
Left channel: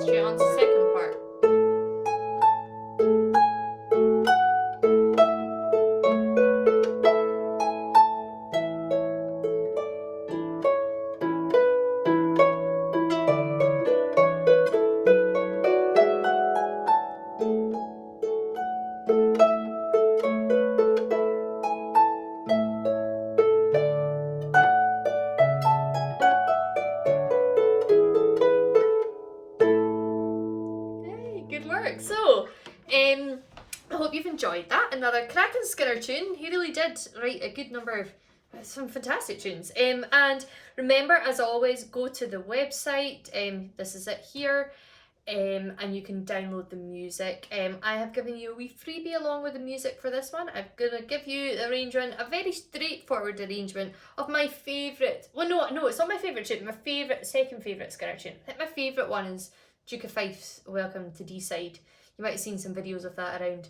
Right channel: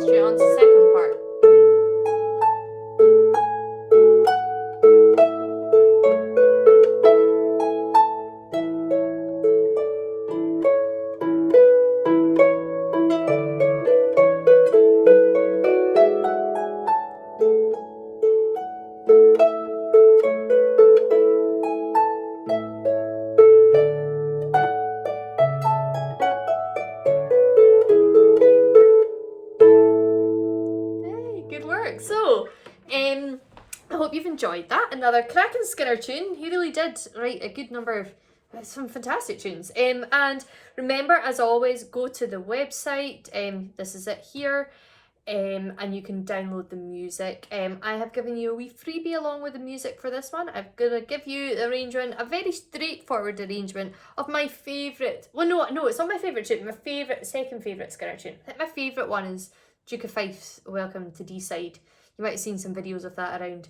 Straight on to the second part. So, I hope you've enjoyed that. Another cracking Skinner tune. He really did write a good number of some fantastic tunes. And remember, as always, go to the website. This is it here. And you can download the music. I have given you a wee freebie along with the music for this one. I'm going to give you the arrangement, a very straightforward arrangement of my favourite. Well, no, it's not my favourite tune. My second favourite Skinner tune. I think my favourite one is Duke of Fife's Welcome to D-Side. You might have seen some videos of that around.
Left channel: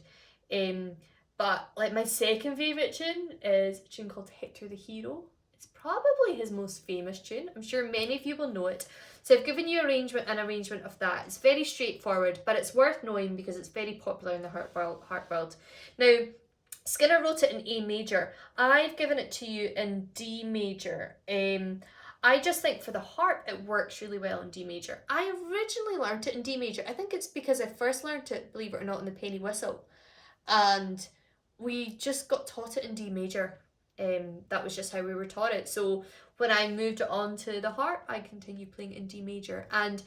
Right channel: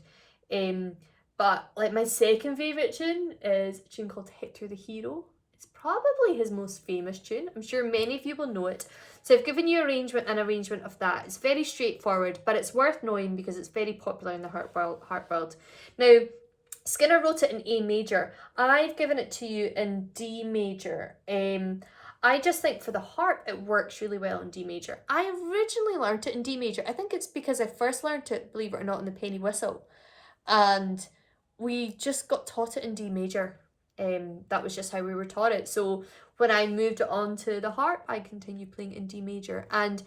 But like my second favourite tune is a tune called Hector the Hero. It's probably his most famous tune. I'm sure many of you will know it. So I've given you an arrangement of that. It's very straightforward, but it's worth knowing because it's very popular in the harp world. Now, Skinner wrote it in A major. I've given it to you in D major. I just think for the harp, it works really well in D major. I originally learned it in D major. I think it's because I first learned it, believe it or not, in the penny whistle. And we just got taught it in D major. That was just how we were taught it. So when I moved it on to the harp, I continued playing in D major. And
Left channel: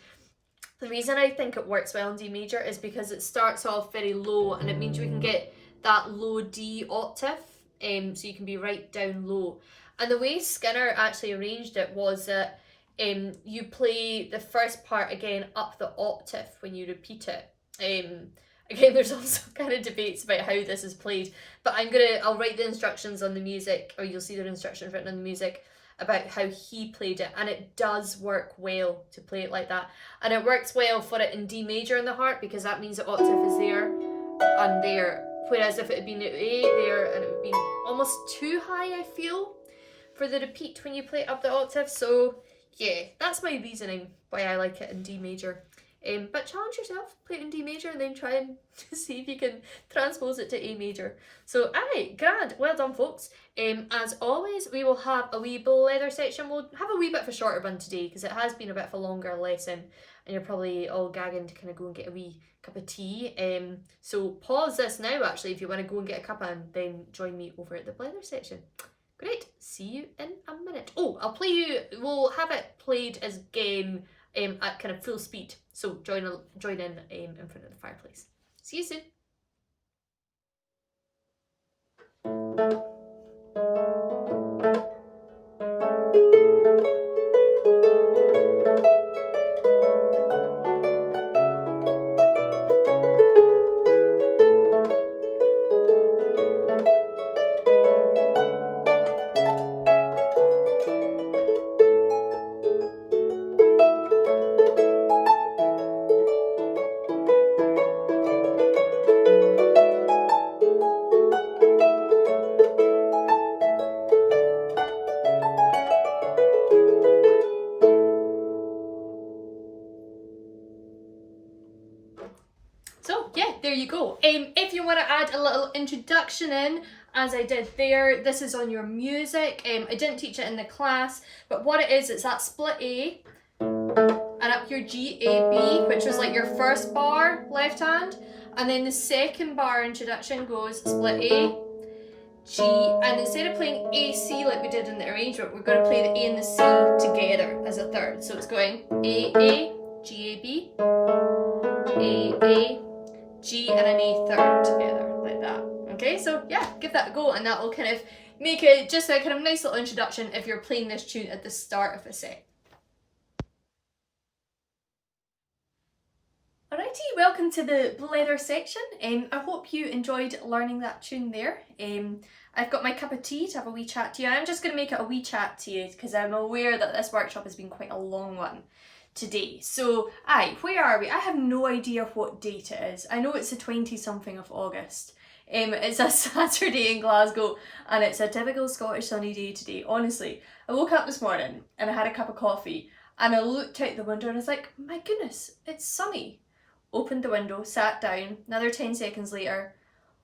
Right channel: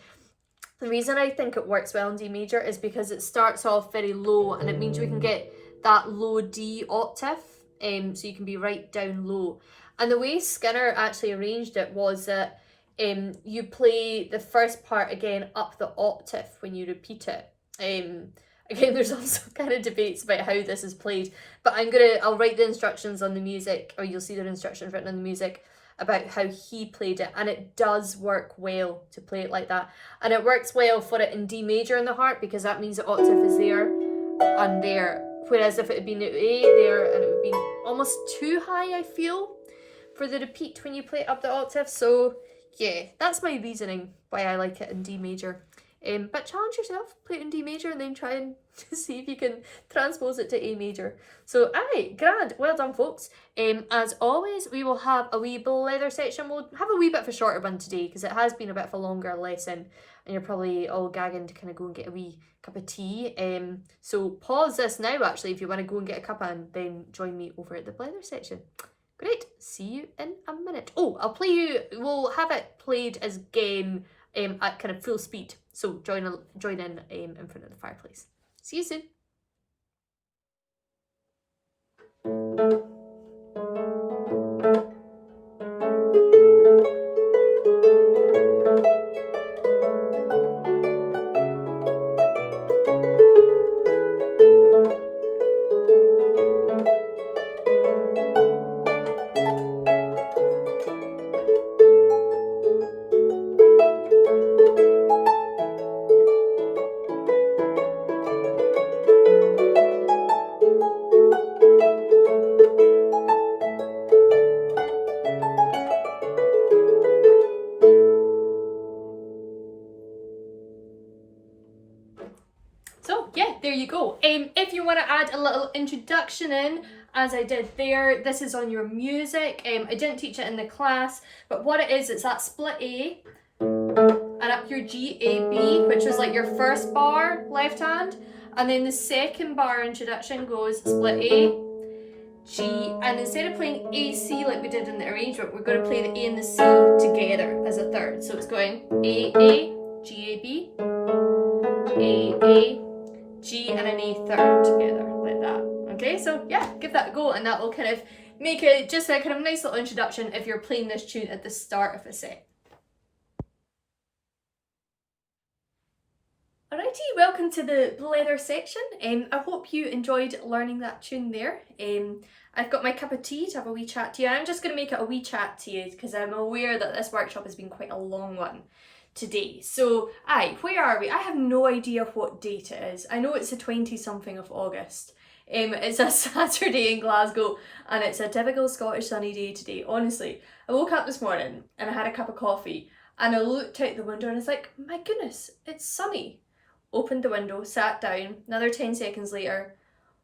the reason I think it works well in D major is because it starts off very low, and it means we can get that low D octave, so you can be right down low. And the way Skinner actually arranged it was that you play the first part again up the octave when you repeat it. Again, there's also kind of debates about how this is played, but I'll write the instructions on the music, or you'll see the instructions written on the music about how he played it, and it does work well to play it like that. And it works well for it in D major in the harp, because that means the octave is there and there, whereas if it had been at A there, and it would be almost too high, I feel, for the repeat when you play it up the octave. So yeah, that's my reasoning why I like it in D major. But challenge yourself, play it in D major and then try and see if you can transpose it to A major. So aye, grand, well done folks. As always, we will have a wee blether section. We'll have a wee bit of a shorter one today because it has been a bit of a longer lesson and you're probably all gagging to kind of go and get a wee cup of tea. So pause this now actually if you want to go and get a cuppa and then join me over at the blether section. Great, see you in a minute. Oh, we'll have it played as game at kind of full speed. So join in front of the fireplace. See you soon. So yeah, there you go. If you want to add a little introduction in, as I did there, this is on your music. I didn't teach it in the class, but what it is, it's that split A and up your G, A, B, which was like your first bar, left hand, and then the second bar introduction goes split A, G, and instead of playing A, C like we did in the arrangement, we're going to play the A and the C together as a third. So it's going A, G, A, B, A, G and an A third together, like that. Okay, so yeah, give that a go and that will kind of make it just a kind of nice little introduction if you're playing this tune at the start of a set. Alrighty, welcome to the blether section. I hope you enjoyed learning that tune there. I've got my cup of tea to have a wee chat to you. I'm just going to make it a wee chat to you because I'm aware that this workshop has been quite a long one today. So, where are we? I have no idea what date it is. I know it's the 20-something of August. It's a Saturday in Glasgow and it's a typical Scottish sunny day today. Honestly, I woke up this morning and I had a cup of coffee and I looked out the window and I was like, my goodness, it's sunny. Opened the window, sat down, another 10 seconds later,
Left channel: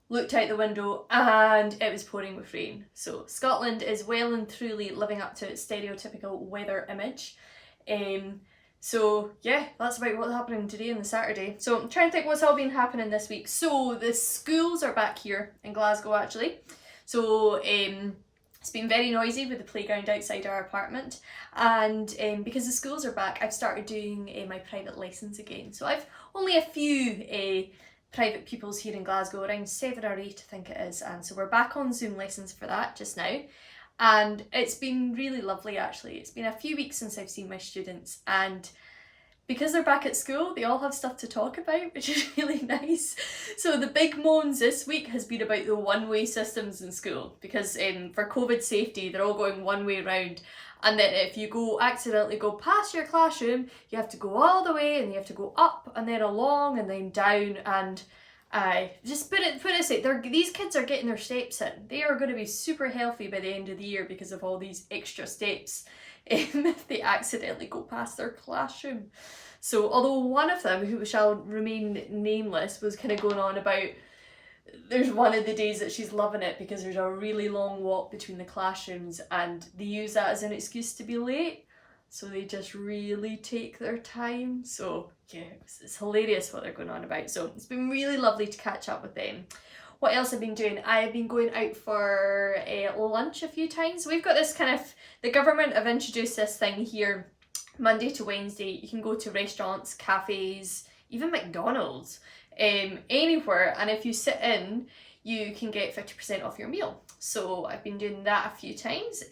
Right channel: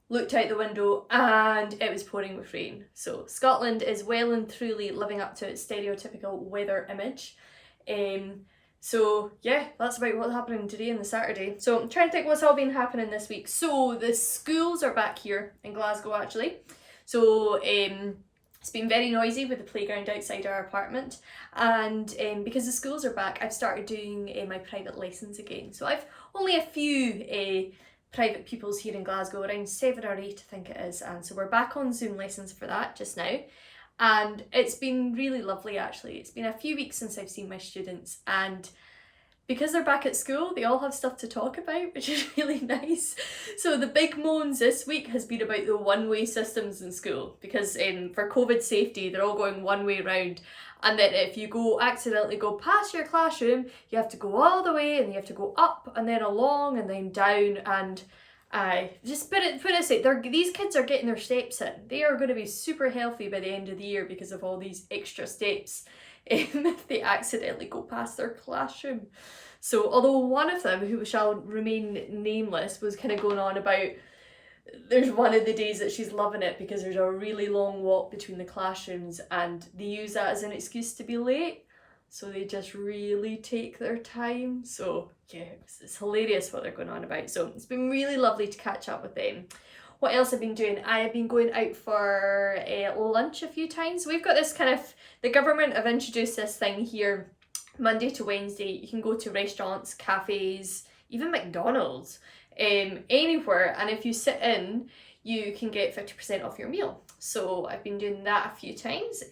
looked out the window and it was pouring with rain. So Scotland is well and truly living up to its stereotypical weather image. So yeah, that's about what's happening today on the Saturday. So I'm trying to think what's all been happening this week. So the schools are back here in Glasgow actually. So it's been very noisy with the playground outside our apartment, and because the schools are back, I've started doing my private lessons again. So I've only a few private pupils here in Glasgow, around 7 or 8 I think it is, and so we're back on Zoom lessons for that just now. And it's been really lovely actually. It's been a few weeks since I've seen my students, and because they're back at school, they all have stuff to talk about, which is really nice. So the big moans this week has been about the one-way systems in school, because for COVID safety, they're all going one way round. And then if you accidentally go past your classroom, you have to go all the way and you have to go up and then along and then down. And just put it aside, these kids are getting their steps in. They are going to be super healthy by the end of the year because of all these extra steps. If they accidentally go past their classroom. So although one of them, who shall remain nameless, was kind of going on about there's one of the days that she's loving it because there's a really long walk between the classrooms and they use that as an excuse to be late. So they just really take their time. So yeah, it's hilarious what they're going on about. So it's been really lovely to catch up with them. What else I've been doing? I have been going out for lunch a few times. We've got this kind of, the government have introduced this thing here, Monday to Wednesday. You can go to restaurants, cafes, even McDonald's, anywhere. And if you sit in, you can get 50% off your meal. So I've been doing that a few times.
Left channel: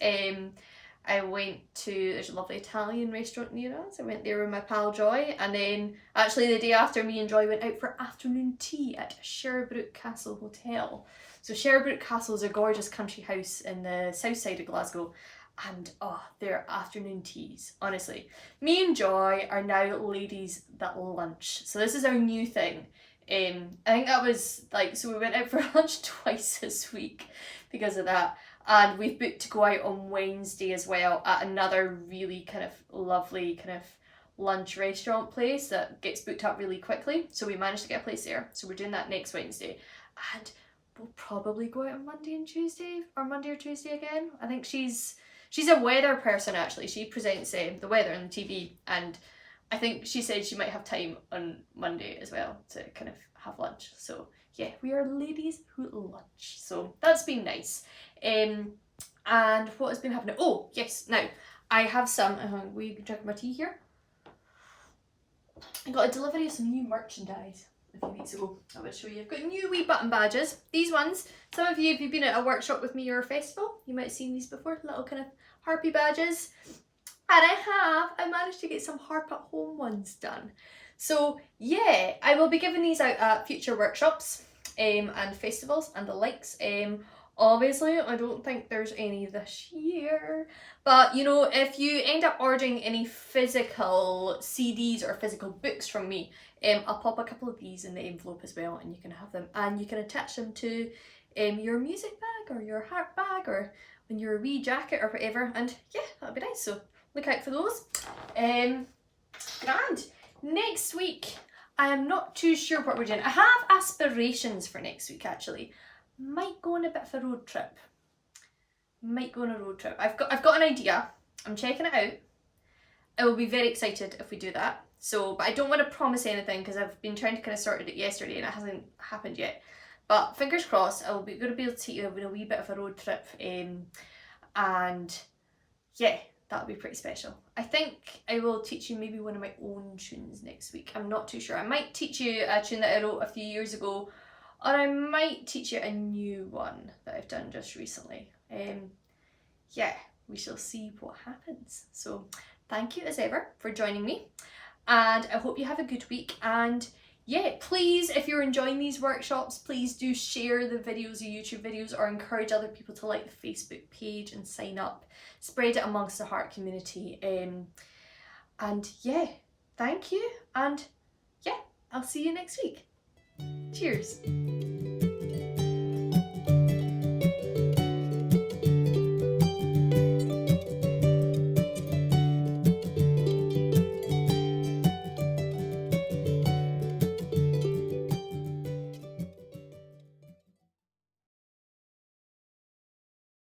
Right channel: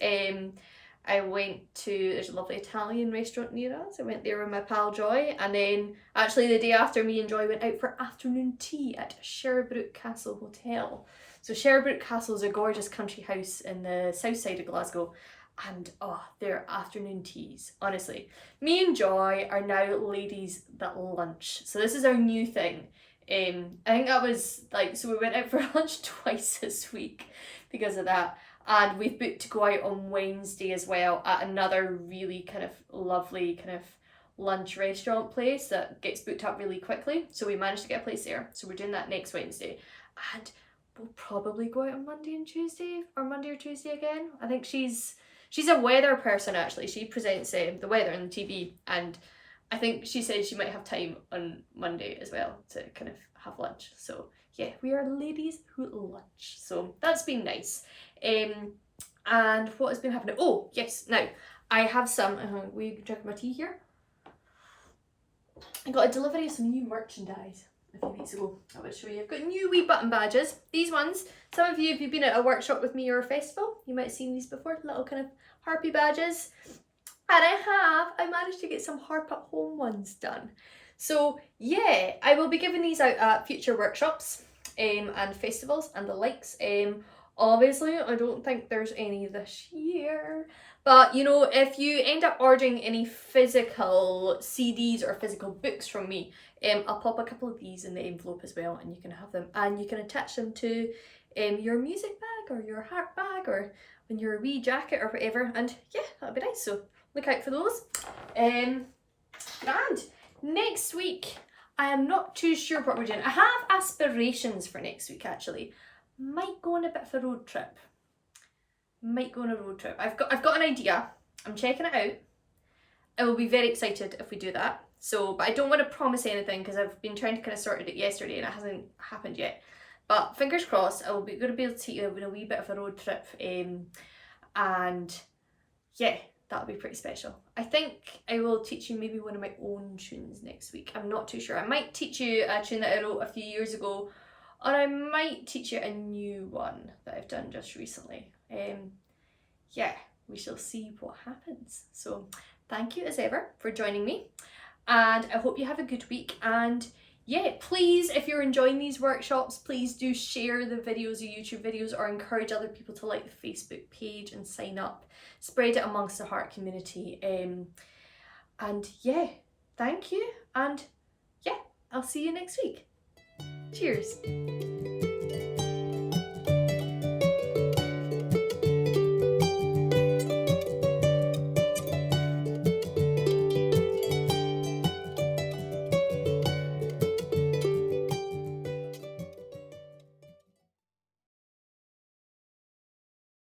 I went to, there's a lovely Italian restaurant near us. I went there with my pal Joy, and then actually the day after, me and Joy went out for afternoon tea at Sherbrooke Castle Hotel. So Sherbrooke Castle is a gorgeous country house in the south side of Glasgow, and their afternoon teas, honestly. Me and Joy are now ladies that lunch. So this is our new thing. I think that was like, so we went out for lunch twice this week because of that. And we've booked to go out on Wednesday as well at another really kind of lovely kind of lunch restaurant place that gets booked up really quickly. So we managed to get a place there. So we're doing that next Wednesday. And we'll probably go out on Monday and Tuesday, or Monday or Tuesday again. I think she's a weather person actually. She presents the weather on the TV, and I think she said she might have time on Monday as well to kind of have lunch. So yeah, we are ladies who lunch. So that's been nice. And what has been happening? Oh yes, now I have some. We drinking my tea here. I got a delivery of some new merchandise a few weeks ago. I will show you. I've got new wee button badges. These ones, some of you, if you've been at a workshop with me or a festival, you might have seen these before, little kind of harpy badges. And I managed to get some harp at home ones done. So yeah, I will be giving these out at future workshops and festivals and the likes. Obviously, I don't think there's any this year, but you know, if you end up ordering any physical CDs or physical books from me, I'll pop a couple of these in the envelope as well, and you can have them, and you can attach them to your music bag or your harp bag or on your wee jacket or whatever, and yeah, that'll be nice. So look out for those. And next week, I am not too sure what we're doing. I have aspirations for next week actually. Might go on a bit of a road trip. I've got an idea. I'm checking it out. I will be very excited if we do that. So, but I don't want to promise anything because I've been trying to kind of sort it yesterday and it hasn't happened yet. But fingers crossed, I will be going to be able to take you on a wee bit of a road trip. And yeah, that'll be pretty special. I think I will teach you maybe one of my own tunes next week. I'm not too sure. I might teach you a tune that I wrote a few years ago, or I might teach you a new one that I've done just recently. Yeah, we shall see what happens. So thank you as ever for joining me, and I hope you have a good week. And yeah, please, if you're enjoying these workshops, please do share the videos, the YouTube videos, or encourage other people to like the Facebook page and sign up. Spread it amongst the Harp community. And yeah, thank you. And yeah, I'll see you next week. Cheers.